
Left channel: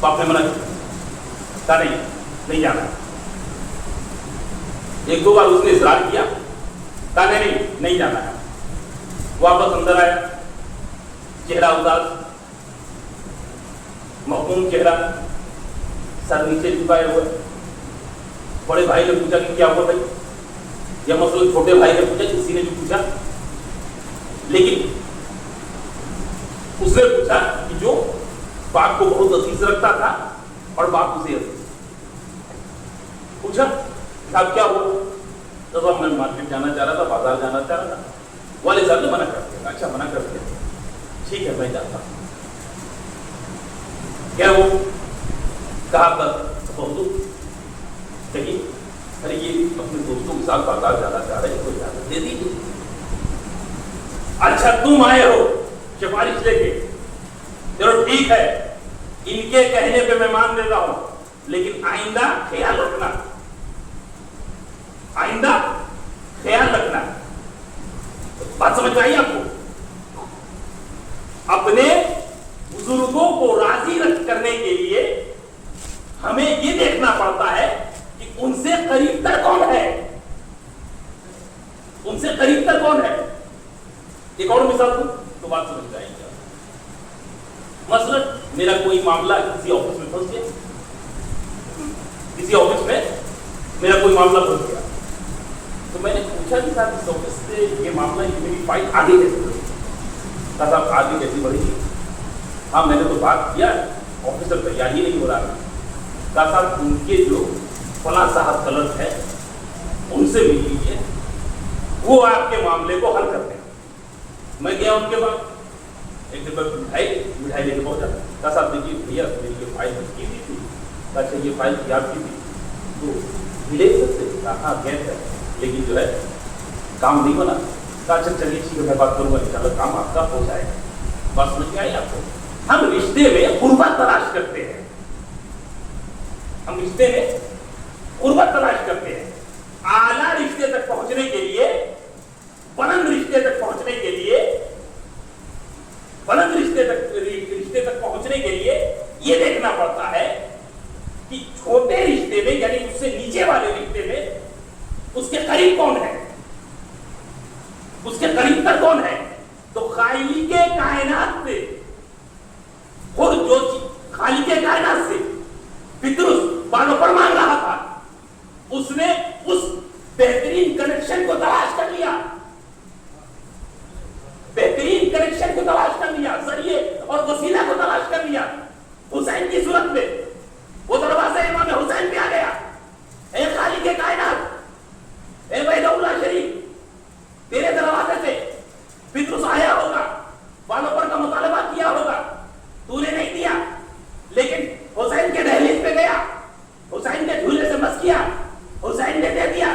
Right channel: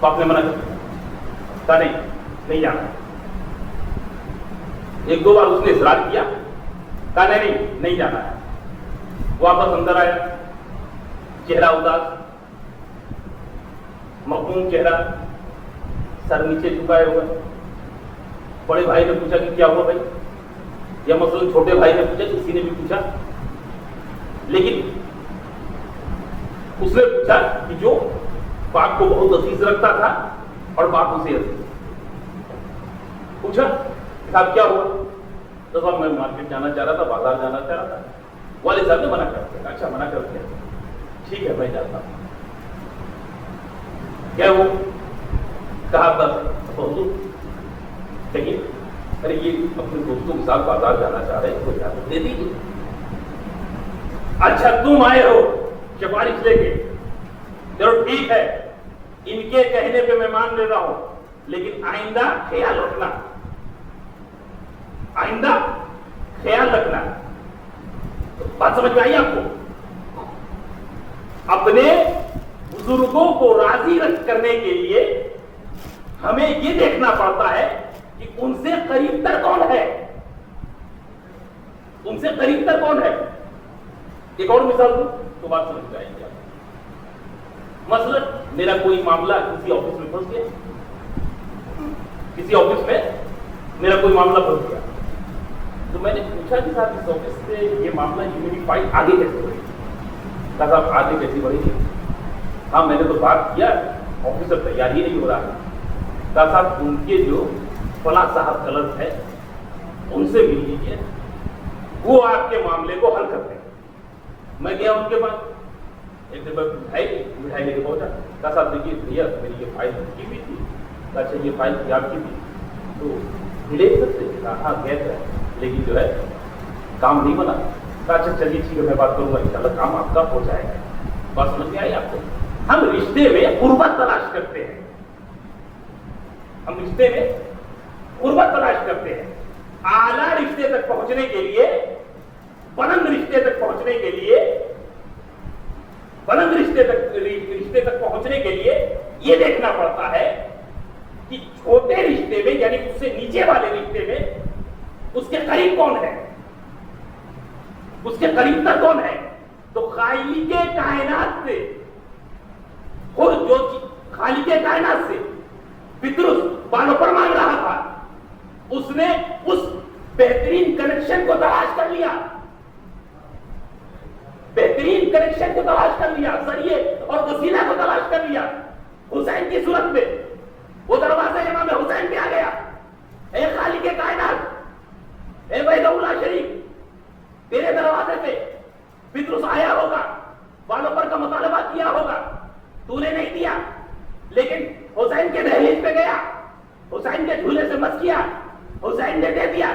باپ نے منع کیا, نہیں جانا. ایک دو بار اس نے اصرار کیا, کہا نہیں جانا ہے. واپس اندر آیا, چہرہ اداس, مخموم چہرہ, سر نیچے جھکائے ہوئے. بڑے بھائی نے پوچھا کہ کیا ہوا بھائی, یا مثلا چھوٹے بھائی نے پوچھا, کسی نے بھی پوچھا, لیکن اس نے پوچھا کہ جو باپ کو بہت عزیز رکھتا تھا اور باپ اسے عزیز پوچھا, صاحب کیا ہوا؟ تو میں مارکیٹ جانا چاہ رہا تھا, بازار جانا چاہ رہا تھا. والد صاحب نے منع کر دیا. اچھا منع کر دیا, ٹھیک ہے میں جاتا ہوں. کیا وہ کہا تھا کہیں ارے یہ اپنے دوستوں کے ساتھ بازار جانا چاہ رہے ہیں کوئی اجازت دے دیجیے. اچھا تم آئے ہو سفارش لے کے, چلو ٹھیک ہے ان کے کہنے پہ میں مان لیتا ہوں, لیکن آئندہ خیال رکھنا, آئندہ خیال رکھنا. بات سمجھ میں آئی آپ کو؟ اپنے بزرگوں کو راضی کرنے کے لیے ہمیں یہ دیکھنا پڑتا ہے کہ ان سے قریب تر کون ہے, ان سے قریب تر کون ہے. ایک اور مثال دوں تو بات سمجھ جائے گی. مثلا میرا کوئی معاملہ کسی آفس میں پھنس گیا, کسی آفس میں میرا کوئی معاملہ پھنس گیا, تو میں نے پوچھا کہ صاحب اس آفس سے یہ معاملہ یہ میری فائل آگے کیسے بڑھی. کہا صاحب آگے کیسی بڑھی گی؟ ہاں میں نے تو بات کیا, آفیسر تیار ہی نہیں ہو رہا. کہا صاحب ان کے جو فلاں صاحب کلر ہے ان سے مل لیجیے, وہ آپ کے معاملے کو حل کرتے ہیں. میں گیا ان کے پاس, ایک دن مٹھائی لے کے پہنچا. کہا صاحب دیکھیے بھیا میری یہ فائل کی ہوئی تھی. اچھا یہ فائل کی آپ کی تھی تو لے سکتے. ہاں گیا ہے لیکن جو ہے کام نہیں بنا. کہا اچھا چلیے ٹھیک ہے میں بات کروں گا انشاءاللہ کام آپ کا ہو جائے گا. بات سمجھ میں آئی آپ کو؟ ہم رشتے میں قربت تلاش کرتے ہیں, ہم رشتے میں قربت تلاش کرتے ہیں. اعلیٰ رشتے تک پہنچنے کے لیے, بلند رشتے تک پہنچنے کے لیے, بلند رشتے تک پہنچنے کے لیے یہ دیکھنا پڑتا ہے کہ چھوٹے رشتے میں یعنی اس سے نیچے والے رشتے میں اس کے قریب کون ہے, اس کے قریب تر کون ہے. تو خالق کائنات سے, خود جو خالق کائنات سے پترس بالوں پر مانگ رہا تھا, اس نے اس بہترین کنیکشن کو تلاش کر لیا, بہترین کنیکشن کو تلاش کر لیا, ذریعے اور وسیلہ کو تلاش کر لیا. حسین کی صورت میں وہ دروازے امام حسین پہ آ گیا. اے خالق کائنات, اے وحدہ اللہ شریف, تیرے دروازے سے پترس آیا ہوگا, بالوں پر کا مطالبہ کیا ہوگا, تو نے نہیں دیا, لیکن حسین کے دہلیز پہ گیا, حسین کے جھولے سے مس کیا, حسین نے دے دیا.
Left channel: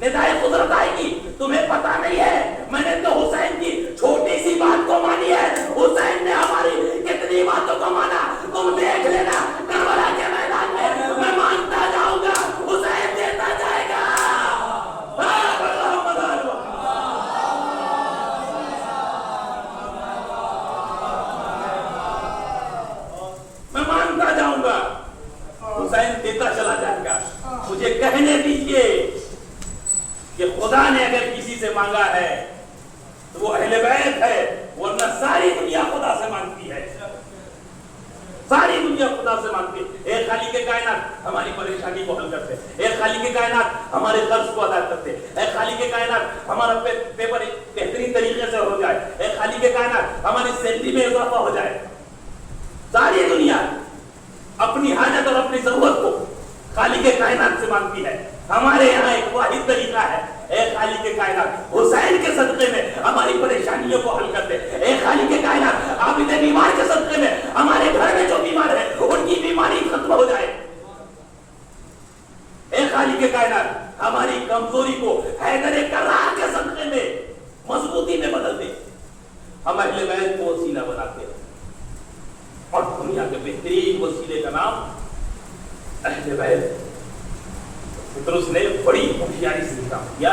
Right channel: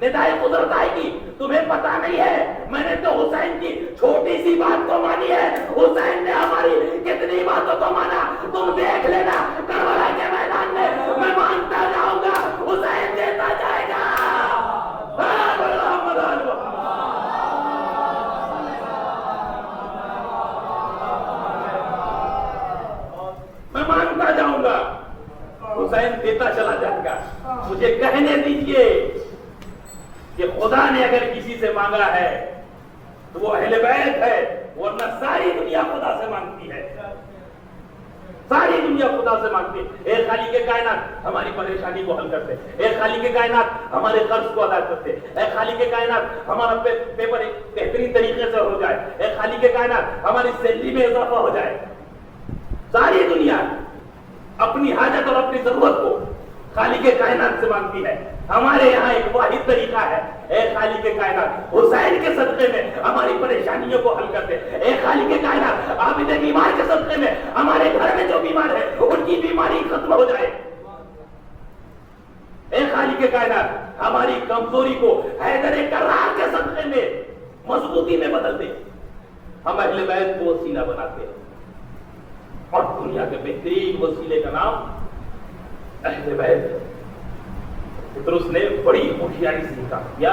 ندائے قدرت آئے گی, تمہیں پتا نہیں ہے میں نے تو حسین کی چھوٹی سی بات کو مانی ہے, حسین نے ہماری کتنی باتوں کو مانا. تم دیکھ لینا کربلا کے میدان میں مانتا جاؤں گا, حسین دیتا جائے گا. میں مانتا جاؤں گا, حسین دیتا چلا جائے گا. مجھے کہنے دیجیے کہ خدا نے اگر کسی سے مانگا ہے تو وہ اہل بیت ہے, ورنہ ساری دنیا خدا سے مانگتی ہے, ساری دنیا خدا سے مانگتی ہے. اے خالق کائنات ہماری پریشانی کو حل کرتے, اے خالق کائنات ہمارے قرض کو ادا کرتے, اے خالق کائنات ہمارا پیپر بہترین طریقے سے ہو جائے, اے خالق کائنات ہماری سیلری میں اضافہ ہو جائے. ساری دنیا اپنی حاجت اور اپنی ضرورت کو خالق کائنات سے مانگتی ہے. ہمارے یہاں ایک واحد طریقہ ہے, اے خالق کائنات حسین کے صدقے میں ہماری پریشانیوں کو حل کرتے, اے خالق کائنات عابد بیمار کے صدقے میں ہمارے گھر میں جو بیمار ہے ان کی بیماری ختم ہو جائے. اے خالق کائنات ہماری کمزوری کو حیدر کرار کے صدقے میں مضبوطی میں بدل دے. ہم اہل بیت کو وسیلہ بناتے ہیں, اور دنیا کے بہترین وسیلے کا نام اہل بیت. پترس نے بڑی ہوشیاری سے کام کیا,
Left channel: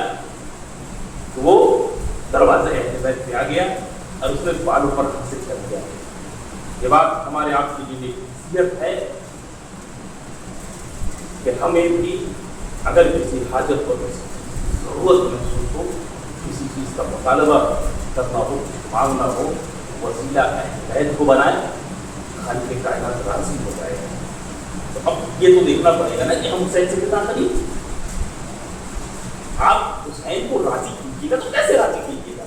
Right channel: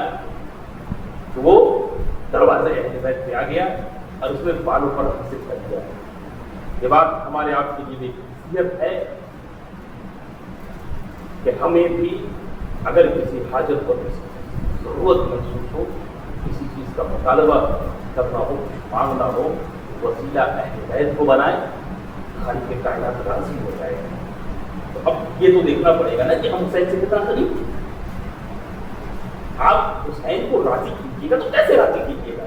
وہ دروازے اہل بیت پہ آ گیا اور اس نے بالوں پر حاصل کر دیا. یہ بات ہمارے آپ کی جو نصیحت ہے کہ ہمیں بھی اگر کسی حاجت اور ضرورت محسوس ہو, کسی چیز کا مطالبہ کرنا ہو, مانگنا ہو, وسیلہ اہل بیت کو بنائے, خالق کائنات راضی ہو جائے گا. تو اب یہ تو دیکھنا پڑے گا نا کہ ہم حسین سے کتنا قریب. آپ حسین کو راضی کیجیے گا تو کیسے راضی کیجیے گا؟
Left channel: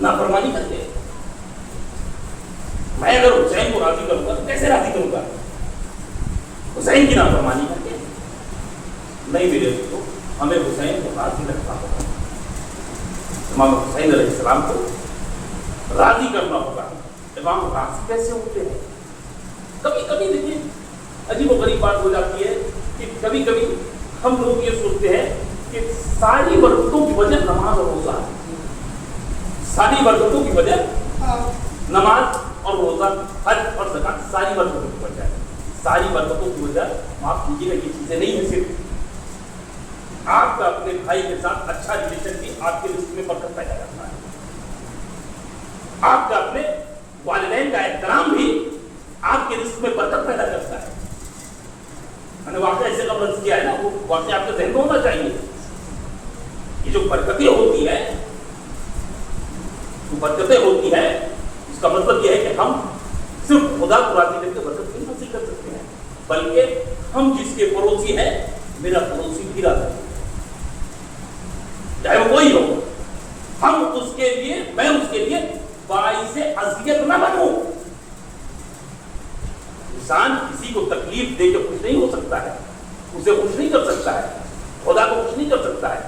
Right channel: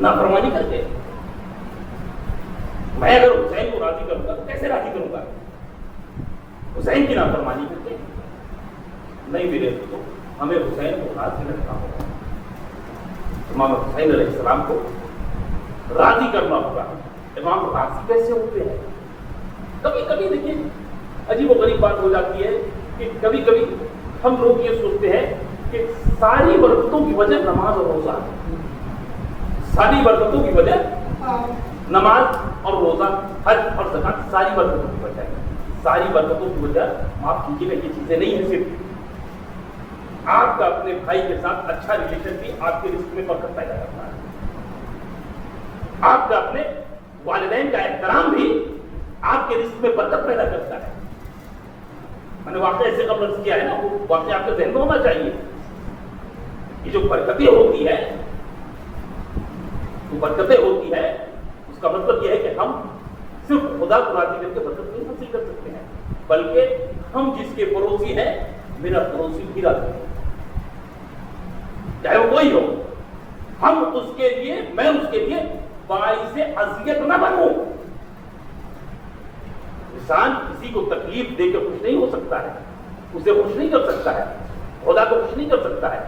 نافرمانی کر کے. میں اگر حسین کو راضی کروں گا تو کیسے راضی کروں گا؟ حسین کی نافرمانی کر کے نہیں. میرے دوستوں, ہمیں حسین کو راضی رکھنا ہوگا. امام حسین علیہ السلام کو راضی کرنا ہوگا. امام راضی کیسے ہوتے ہیں؟ کبھی کبھی دیکھیے عجیب و غریب بات ہو جاتی ہے کہ کبھی کبھی ہم لوگ یہ سوچتے ہیں کہ ساری برکتوں کی وجہ نماز اور روزہ، ساری برکتوں کی وجہ نماز اور روزہ، حج اور زکات، ساری برکتوں کی وجہ ہے. ساری برکتوں کی وجہ آپ کیجیے گا یہ چیزیں نہیں ہیں. صرف آپ کا اپنے بھائی کے ساتھ اچھا ریلیشن بھی آپ کے رزق میں برکت پیدا کرتا ہے. آپ کا اپنے والدین کا احترام بھی آپ کے رزق میں برکت پیدا کرتا ہے. میں نے واقعہ ایسے قبل کیا ہے نا، وہ واقعہ آپ کے ذہن میں ہونا چاہیے. یہ جو برکتیں ہوتی ہے، وہ برکتیں ہوتی ہے، اس کا مطلب یہ ہے کہ ہم صرف خدا کو راضی کر کے برکت نہیں حاصل کر سکتے ہیں، بلکہ ہم جس کے پڑوسی ہیں، میرا پڑوسی بھی راضی ہے، چاہے وہ کوئی ہو. ہم اس کے لیے، میں اس کے لیے باعث اذیت نہ بنوں. انسان کسی کو تکلیف دے کے خوش نہیں ہو سکتا ہے، اسے خوش نہیں کر سکتا ہے، خدا کو خوش نہیں کر سکتا ہے.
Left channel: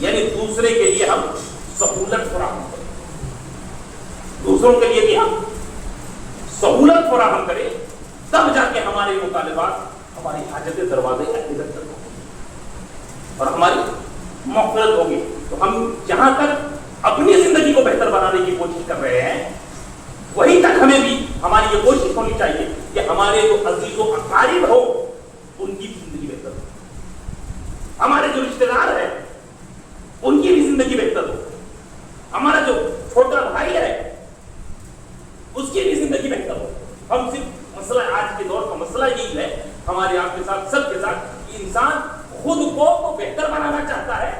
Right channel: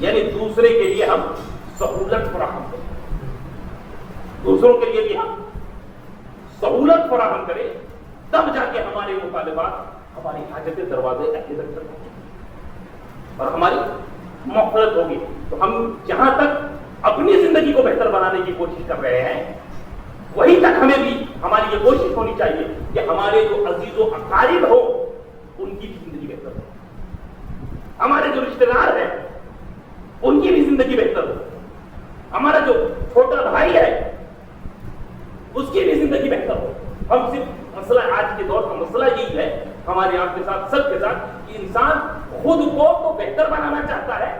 یعنی دوسرے کے لیے ہم سہولت فراہم کریں، دوسروں کے لیے بھی ہم سہولت فراہم کریں، تب جا کے ہمارے مطالبات، ہماری حاجتیں دروازے اعتراض اور ہماری مغفرت ہوگی. تو ہم جہاں تک اپنی زندگی کو بہتر بنانے کی کوشش کر رہے ہیں، وہیں تک ہمیں بھی ہماری یہ کوشش ہونی چاہیے کہ ہمارے جو عزیز و اقارب ہو ان کی بھی زندگی بہتر ہو، ہمارے جو رشتے دار ہیں ان کی بھی زندگی بہتر ہو، ہمارا جو چھوٹا بھائی ہے اس کی بھی زندگی بہتر ہو. ہم صرف مسئلہ، آج کے دور کا مسئلہ یہی ہے ہمارے آپ کے ساتھ، سب کے ساتھ، کہ انسان خود کو تو بہتر بنانا چاہتا ہے،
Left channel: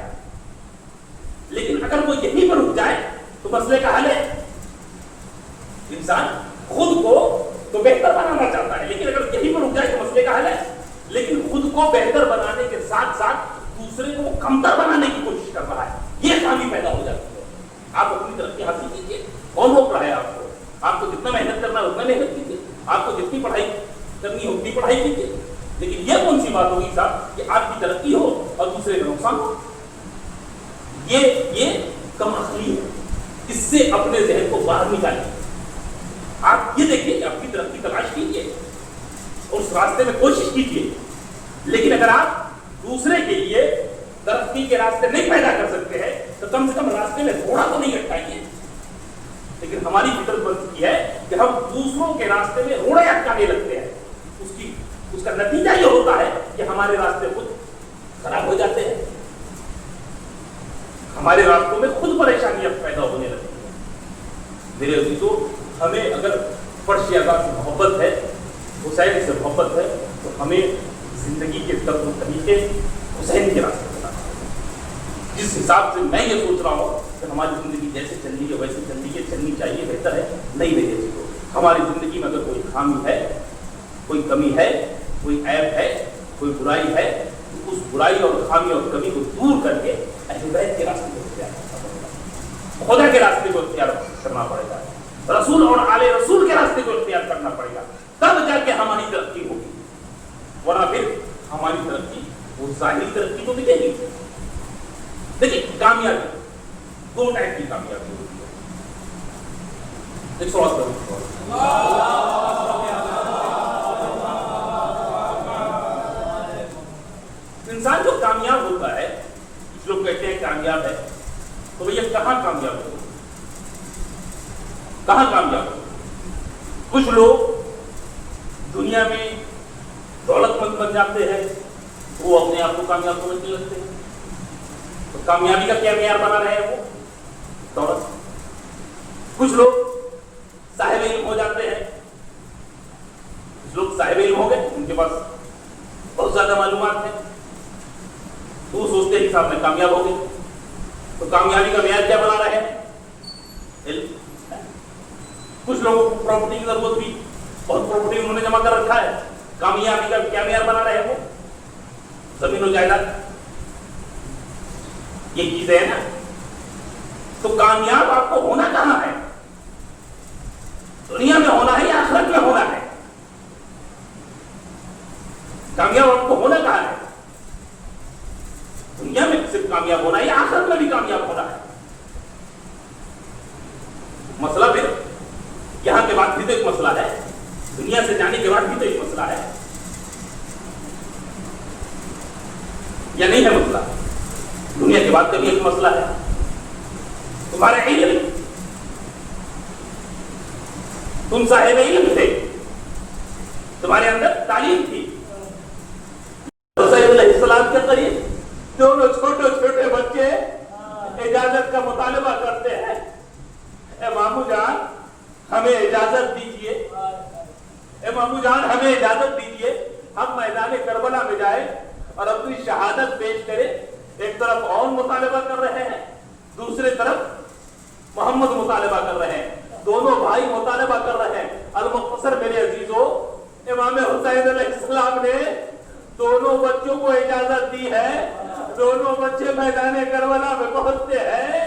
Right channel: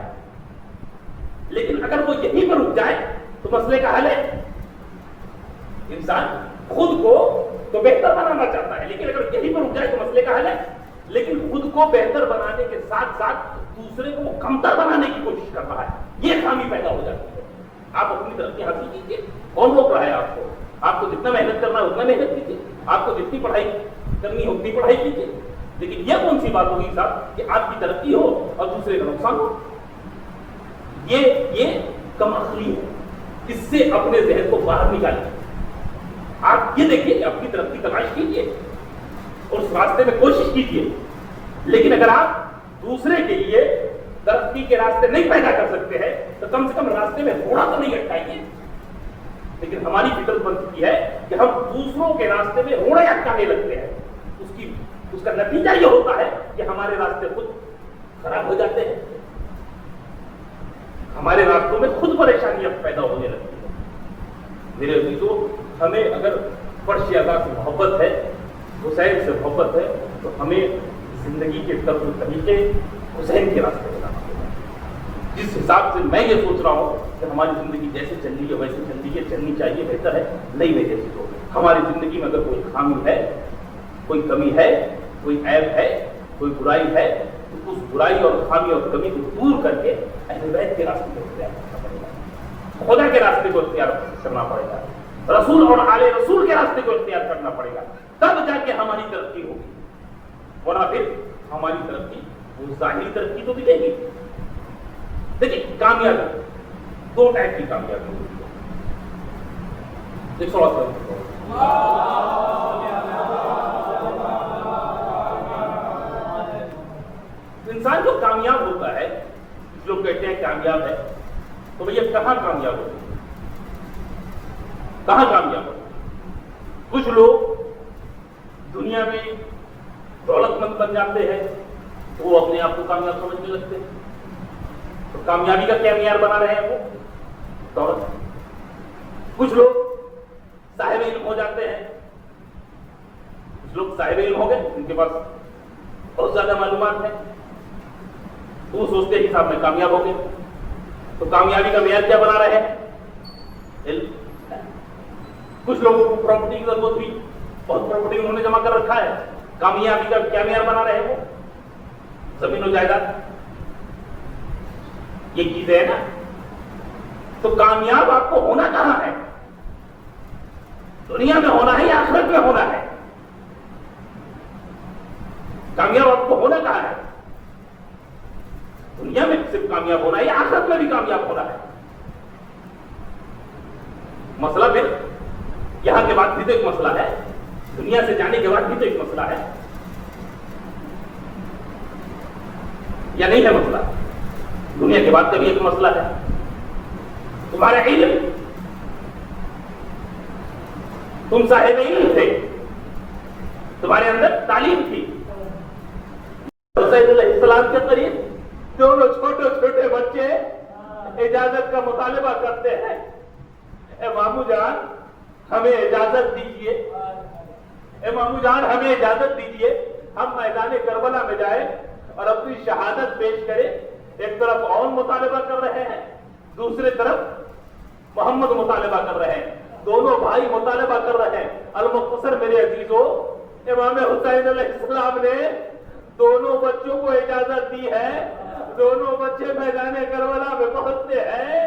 لیکن اگر وہ یہیں پر رک جائے تو مسئلے کا حل ہے. انسان خود کو تو بہتر بنانا چاہتا ہے، لیکن اگر یہیں پر رک جائے تو مسئلے کا حل ہے. لیکن خود کو بہتر بنانے کے ساتھ ساتھ دوسرے کو کمتر بنانے کی کوشش کر رہا ہے، یہ خامی پیدا ہو جاتی ہے. آپ اپنی ترقی حاصل کیجیے، کون روک رہا ہے آپ کو؟ آپ کو جتنا محنت کرنا ہے اتنا محنت کیجیے، آپ کو جتنی پڑھائی کرنی ہے اتنی پڑھائی کیجیے. لیکن یہ کون سی بات ہوگی صاحب کہ آپ کی ترقی ہو اور دوسرے کا نقصان ہو؟ یہ کم عقلی ہے. اس سے اپنے ذہن کو باہر نکالیں. آپ یہ دیکھیے کہ اپنی ترقی تلاش کیجیے اور اس راستے میں کوشش کیجیے، لیکن اگر آپ دوسرے کے لیے ترقی کے راستے نہیں پیدا کر سکتے ہیں تو کم سے کم راستے میں تھوڑا تو نہیں اٹکائیے. لیکن ہماری فطرت بن چکی ہے کہ ہم دوسروں کے راستے میں روڑے اٹکانے لگتے ہیں. اس کا نتیجہ یہ ہوتا ہے کہ ہمارے راستے خود خراب ہو جاتے ہیں، ہمارے راستوں میں خود پریشانیاں پیدا ہونے لگتی ہیں. میرے عزیزو، ہمیں اگر فرش اعلیٰ سے محبت ہے، حسین سے محبت ہے، تو ہمیں زندگی کے طرز طریقے حسین کے راستے پر جس حساب سے میں یہ سوچ رہا ہوں کہ ہماری زندگی جیسے چل رہی ہے ویسے چلنی چاہیے، بہتر ہے نہیں رہے جیسے کو. ہماری زندگی میں اگر کوئی خامی ہے، کوئی کمی ہے، کوئی عیب ہے، کوئی برائی ہے، تو اس برائی اور خامی اور کمی کو دور کر کے اہل بیت کے راستے کو اختیار کرنا پڑے گا، خدا کے راستے کو اختیار کرنا پڑے گا، رسول اور آل رسول کے راستے کو اختیار کرنا پڑے گا، تب جا کے ہماری ترقی ہوگی. ورنہ پھر ہماری ترقی وہ ظاہری ترقی تو دکھے گی. دیکھیے کامیابی دو ٹائپ کی کامیابی ہوتی ہے. ایک سوال انسان جو کامیاب ہوتا ہے، کچھ لوگ کہتے ہیں کامیاب ہے، تو بھیا کہاں کامیاب ہو؟ کہاں کامیاب ہو؟ کچھ لوگ دنیا میں دولت مند بن جاتے ہیں، وہ اپنے آپ کو کامیاب سمجھنے لگتے ہیں. تو کامیابی کا کیا معیار بنا رہے ہیں وہ؟ دولت. کچھ لوگ صاحب علم ہو جاتے ہیں، کچھ لوگ صاحب علم ہو گئے، ان کے پاس بہت زیادہ معلومات ہیں، وہ سوچتے ہیں کہ صاحب میں کامیاب ہو گئے. تو کامیابی کا معیار کیا بنا رہے ہیں؟ علم. کچھ لوگوں کو پراپرٹی کی ضرورت ہوئی، بہت پراپرٹی انہوں نے جمع کر رکھا ہے، کامیابی کا کیا معیار بنا رہے ہیں وہ؟ زمین و جائیداد. یہ چیزیں ہیں نا. تو کامیاب آپ کو ہونا کہاں ہے؟ دنیا میں ہونا ہے یا آخرت میں ہونا ہے؟ کامیاب آپ کو ہونا کہاں ہے؟ دنیا میں صرف کامیاب ہونا ہے یا آخرت میں بھی کامیاب ہونا ہے؟ مسئلہ تو ایک مسئلہ ہے, دنیا سے جانے کے بعد بھی تو ایک مسئلہ ہے, یا نہیں ہے مسئلہ؟ دنیا کے بعد کا بھی ایک مسئلہ ہے. تمہارا علم, تم صاحب علم تھے, تمہارے اندر تعلیم تھی. حسین علیہ السلام کے قریب دونوں چھوٹے چھوٹے بچے اجازت کا مطالبہ کرتے ہیں, اے مامو جان ہمیں اجازت دیجئے, اے مامو جان ہمیں اجازت دیجئے, ہم میدان کربلا میں جائیں اور اپنی شہادت پیش کریں. ایک طرف اور مطالبہ کر رہے ہیں, دوسری طرف محمد مطالبہ کر رہے ہیں, دونوں بھائی مطالبہ کر رہے ہیں. المختصر میرے عزیزو, امام حسین علیہ السلام نے دونوں بچوں کو اجازت دی ہے, دونوں بچے میدان کربلا میں پہنچتے ہیں.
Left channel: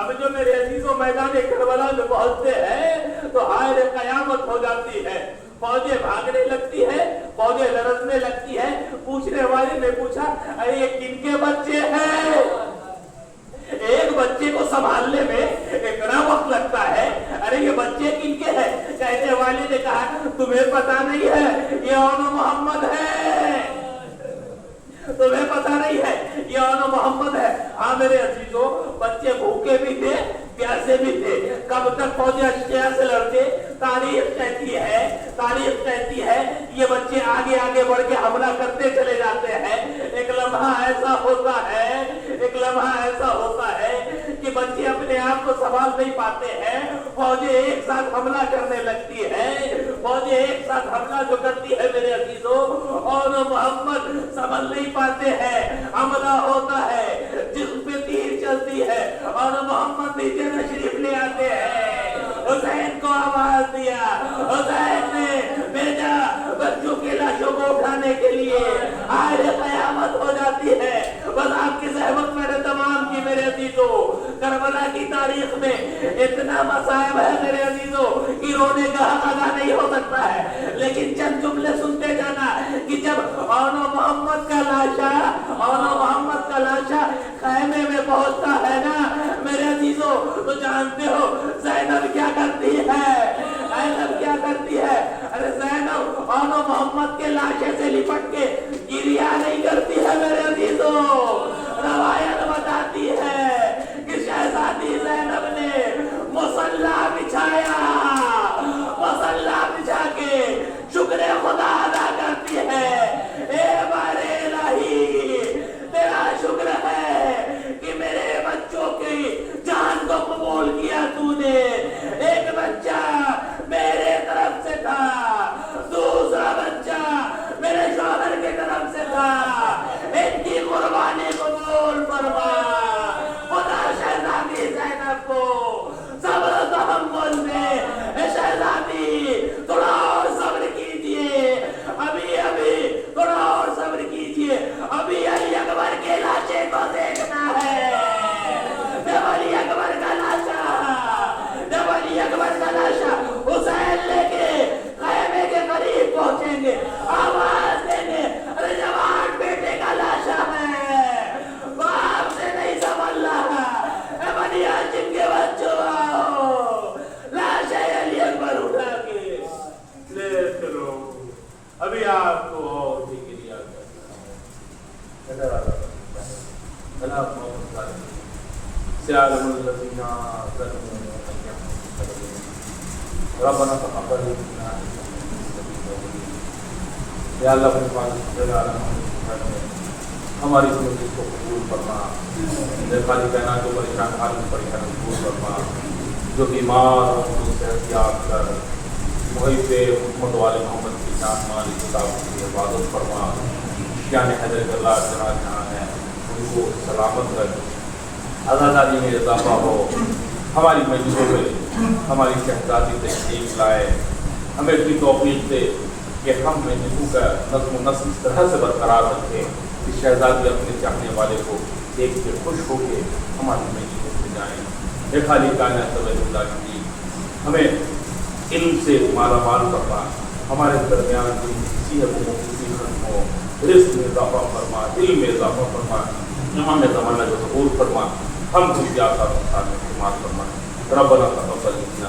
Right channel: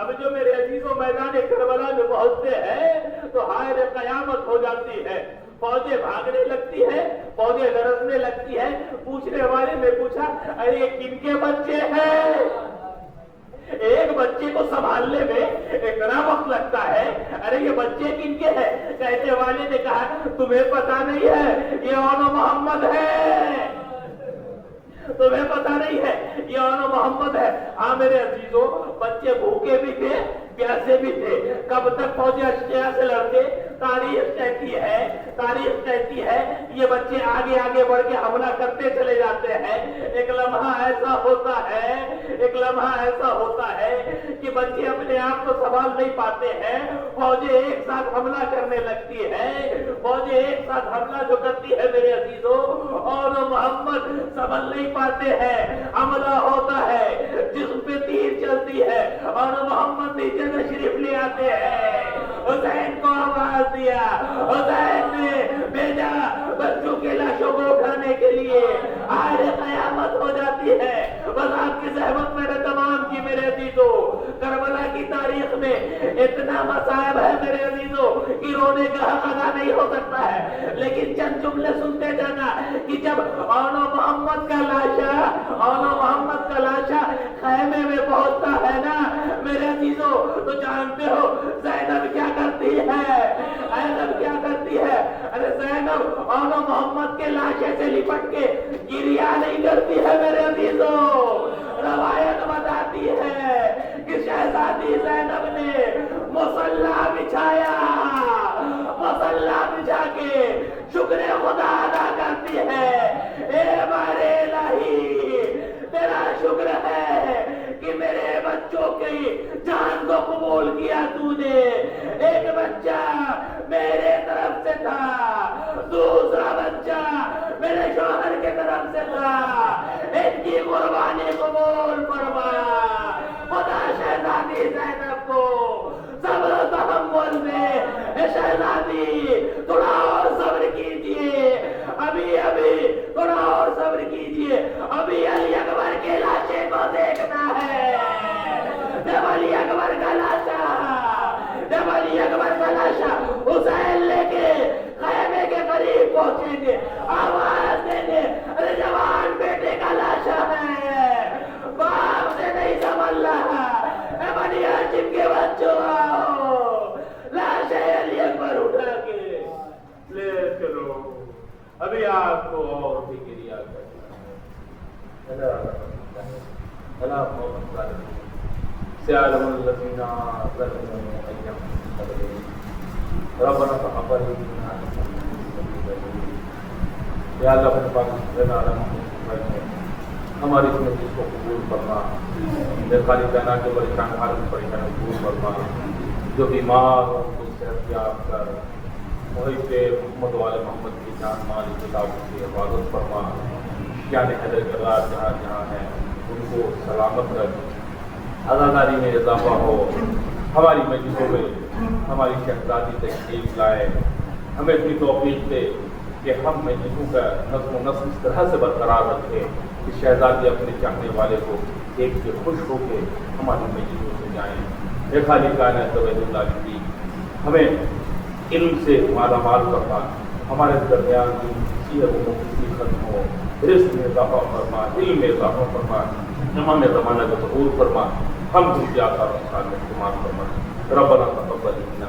اب جو میرے عزیزوں میدان کربلا میں پہنچتے ہیں تو حائل قیامت ہو جاتی ہے, فوجیں بھاگنے لگتی ہے, فوجیں لرزنے لگتی ہے. پوچھنے والے نے پوچھا ارے یہ کن کے بچے ہیں؟ ایک بچے کو سنبھالنے میں اتنا وقت لگتا ہے, ارے یہ بچے کن کے ہیں؟ کہنے والے نے کہا تمہیں پتا نہیں ہے یہ اونو محمد ہے, تمہیں پتا نہیں ہے یہ اونو محمد ہے. ہاں میرے عزیزوں, بچے بھوکے بھی تھے, پیاسے بھی تھے. کب تک فوجیں اشتہار سے لڑتے؟ تاریخ کہتی ہے یہ بچے آگے آگے بڑھ کے حملہ کرتے چلے جاتے ہیں. ایک لمحہ ایسا ہوتا ہے کہ بچے اپنے آپ کو سنبھال نہیں پاتے ہیں, فوجیں ایک ساتھ حملہ کرنے لگتی ہے. فوجیں ایک ساتھ حملہ جو کرتی ہے میرے عزیزوں, اور محمد سنبھل نہیں پاتے ہیں, حملہ ہوتا ہے, جسم پہ تیر چلتی ہے اور محمد نیچے تشریف لے آتے ہیں. حسین کو آواز دیا, حسین نے بھیجا بچوں کی لاشوں کو اٹھانے کے لیے. آئے قیامت ہو جاتی ہے. بس آپ کی زحمت میں نے تمام کی میرے عزیزوں. کربلا کی تاریخ میں اتنا مصائب ہے میرے عزیزوں کہ رونے کا حق ادا نہیں ہو سکتا ہے, لیکن چند جملے سنتے جانا کہ جب اونو محمد کا لاشا خیمے میں پہنچتا ہے نا میرے عزیزوں, تو جانتے ہو زینب کیا کرتی ہے؟ ارے زینب اونو محمد کے لاشے سے لپٹ کے گریہ نہیں کرتی ہے میرے عزیزوں. روایت بتاتی ہے کہ شہزادی زینب نے مصلا بچھا کے شکر خدا ادا کرتی ہے. اے بارے الہی, تیرا شکر ہے کہ میرے بچوں کی جان کو قبول کیا تو نے. ایک بچہ میرے طرف سے تھا, دوسرا بچہ میرے شوہر کے طرف سے تھا. ان کی قربانی قبول فرما. خدا شہزادی زینب کو صبر و تحمل میں, شہزادی تھوڑا اور صبر کیجئے, ابھی تھوڑا اور صبر کیجئے, ابھی علی اکبر کے لاشے کو دیکھنا ہے. جب علی اکبر کا لاشا حسین لے کے خیمے کے قریب پہنچیں گے, آواز دیں گے ارے جوان بیٹے کا لاشا ہے, باپ سے نہیں سنبھل رہا, اے بنی ہاشم کے بچوں آؤ, لاش علی اکبر اٹھا کے لے چلو. ابھی آپ کو اور بھی گریہ کرنا ہے. سيعلم الذين ربنا تقبل منا یا اللہ ہماری زندگی کو قبول فرما. خالی بہنا جو پریشان ہماری پریشانی قبول فرما, جو بیمار ان سے احتیاط کر محب محمد والے محمد کی جان مالی کتاب کی حفاظت فرما. جان حضرت اللہ جہاں ہیں ان کو سلامت رکھ. اداکاری میں اضافہ ہو, ہماری مجلسوں میں ہماری شہزادی تشریف لائے, ہمیں بھی توفیق دے کہ ہم مجلسوں کا نظم و نسق اس طرح سے برقرار رکھیں کہ شہزادی اپنے چاہنے والے کو دیکھ کے خوش ہو کے ہماری مجلسوں میں جائیں. یہ خالی کائنات اللہ کی ہمیں علم سے مالا مال فرما, ہمارے درمیان کسی ختم ہو, رزق میں اضافہ فرما, علم میں اضافہ فرما, امام زمانے کو قبول فرما, ہم کو کیا استعمال فرما. ربنا تقبل منا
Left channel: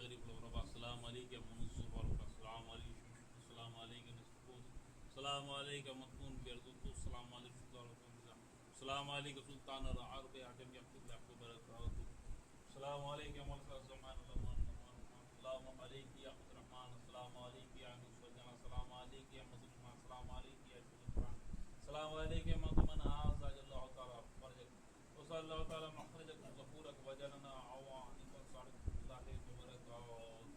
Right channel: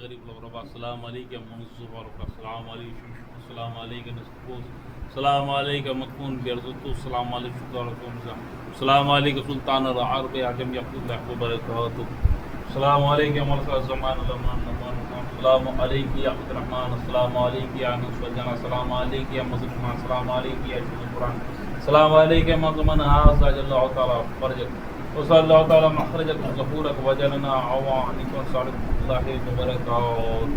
غریب الغرباء السلام علیکم منصور والرقا السلام علیکم السلام علیکم نستقوز السلام علیکم مدفون بیرزتو السلام علیکم شکارکم السلام علیکم سلطان العرب عجم یقود لحب برکاتو السلام علیکم ولد الزمان الامان السلام علیکم یا عبد الرحمن السلام علیکم یا نصف الجنہ السلام علیکم یا مظلمان السلام علیکم یا شد القرآن السلام علیکم مظلمان حاضر اللہ تعالیٰ فرجت وصلی اللہ تعالیٰ مخرجت غفورک وجلنا عوانکم صالح اللہ وبرکاتہ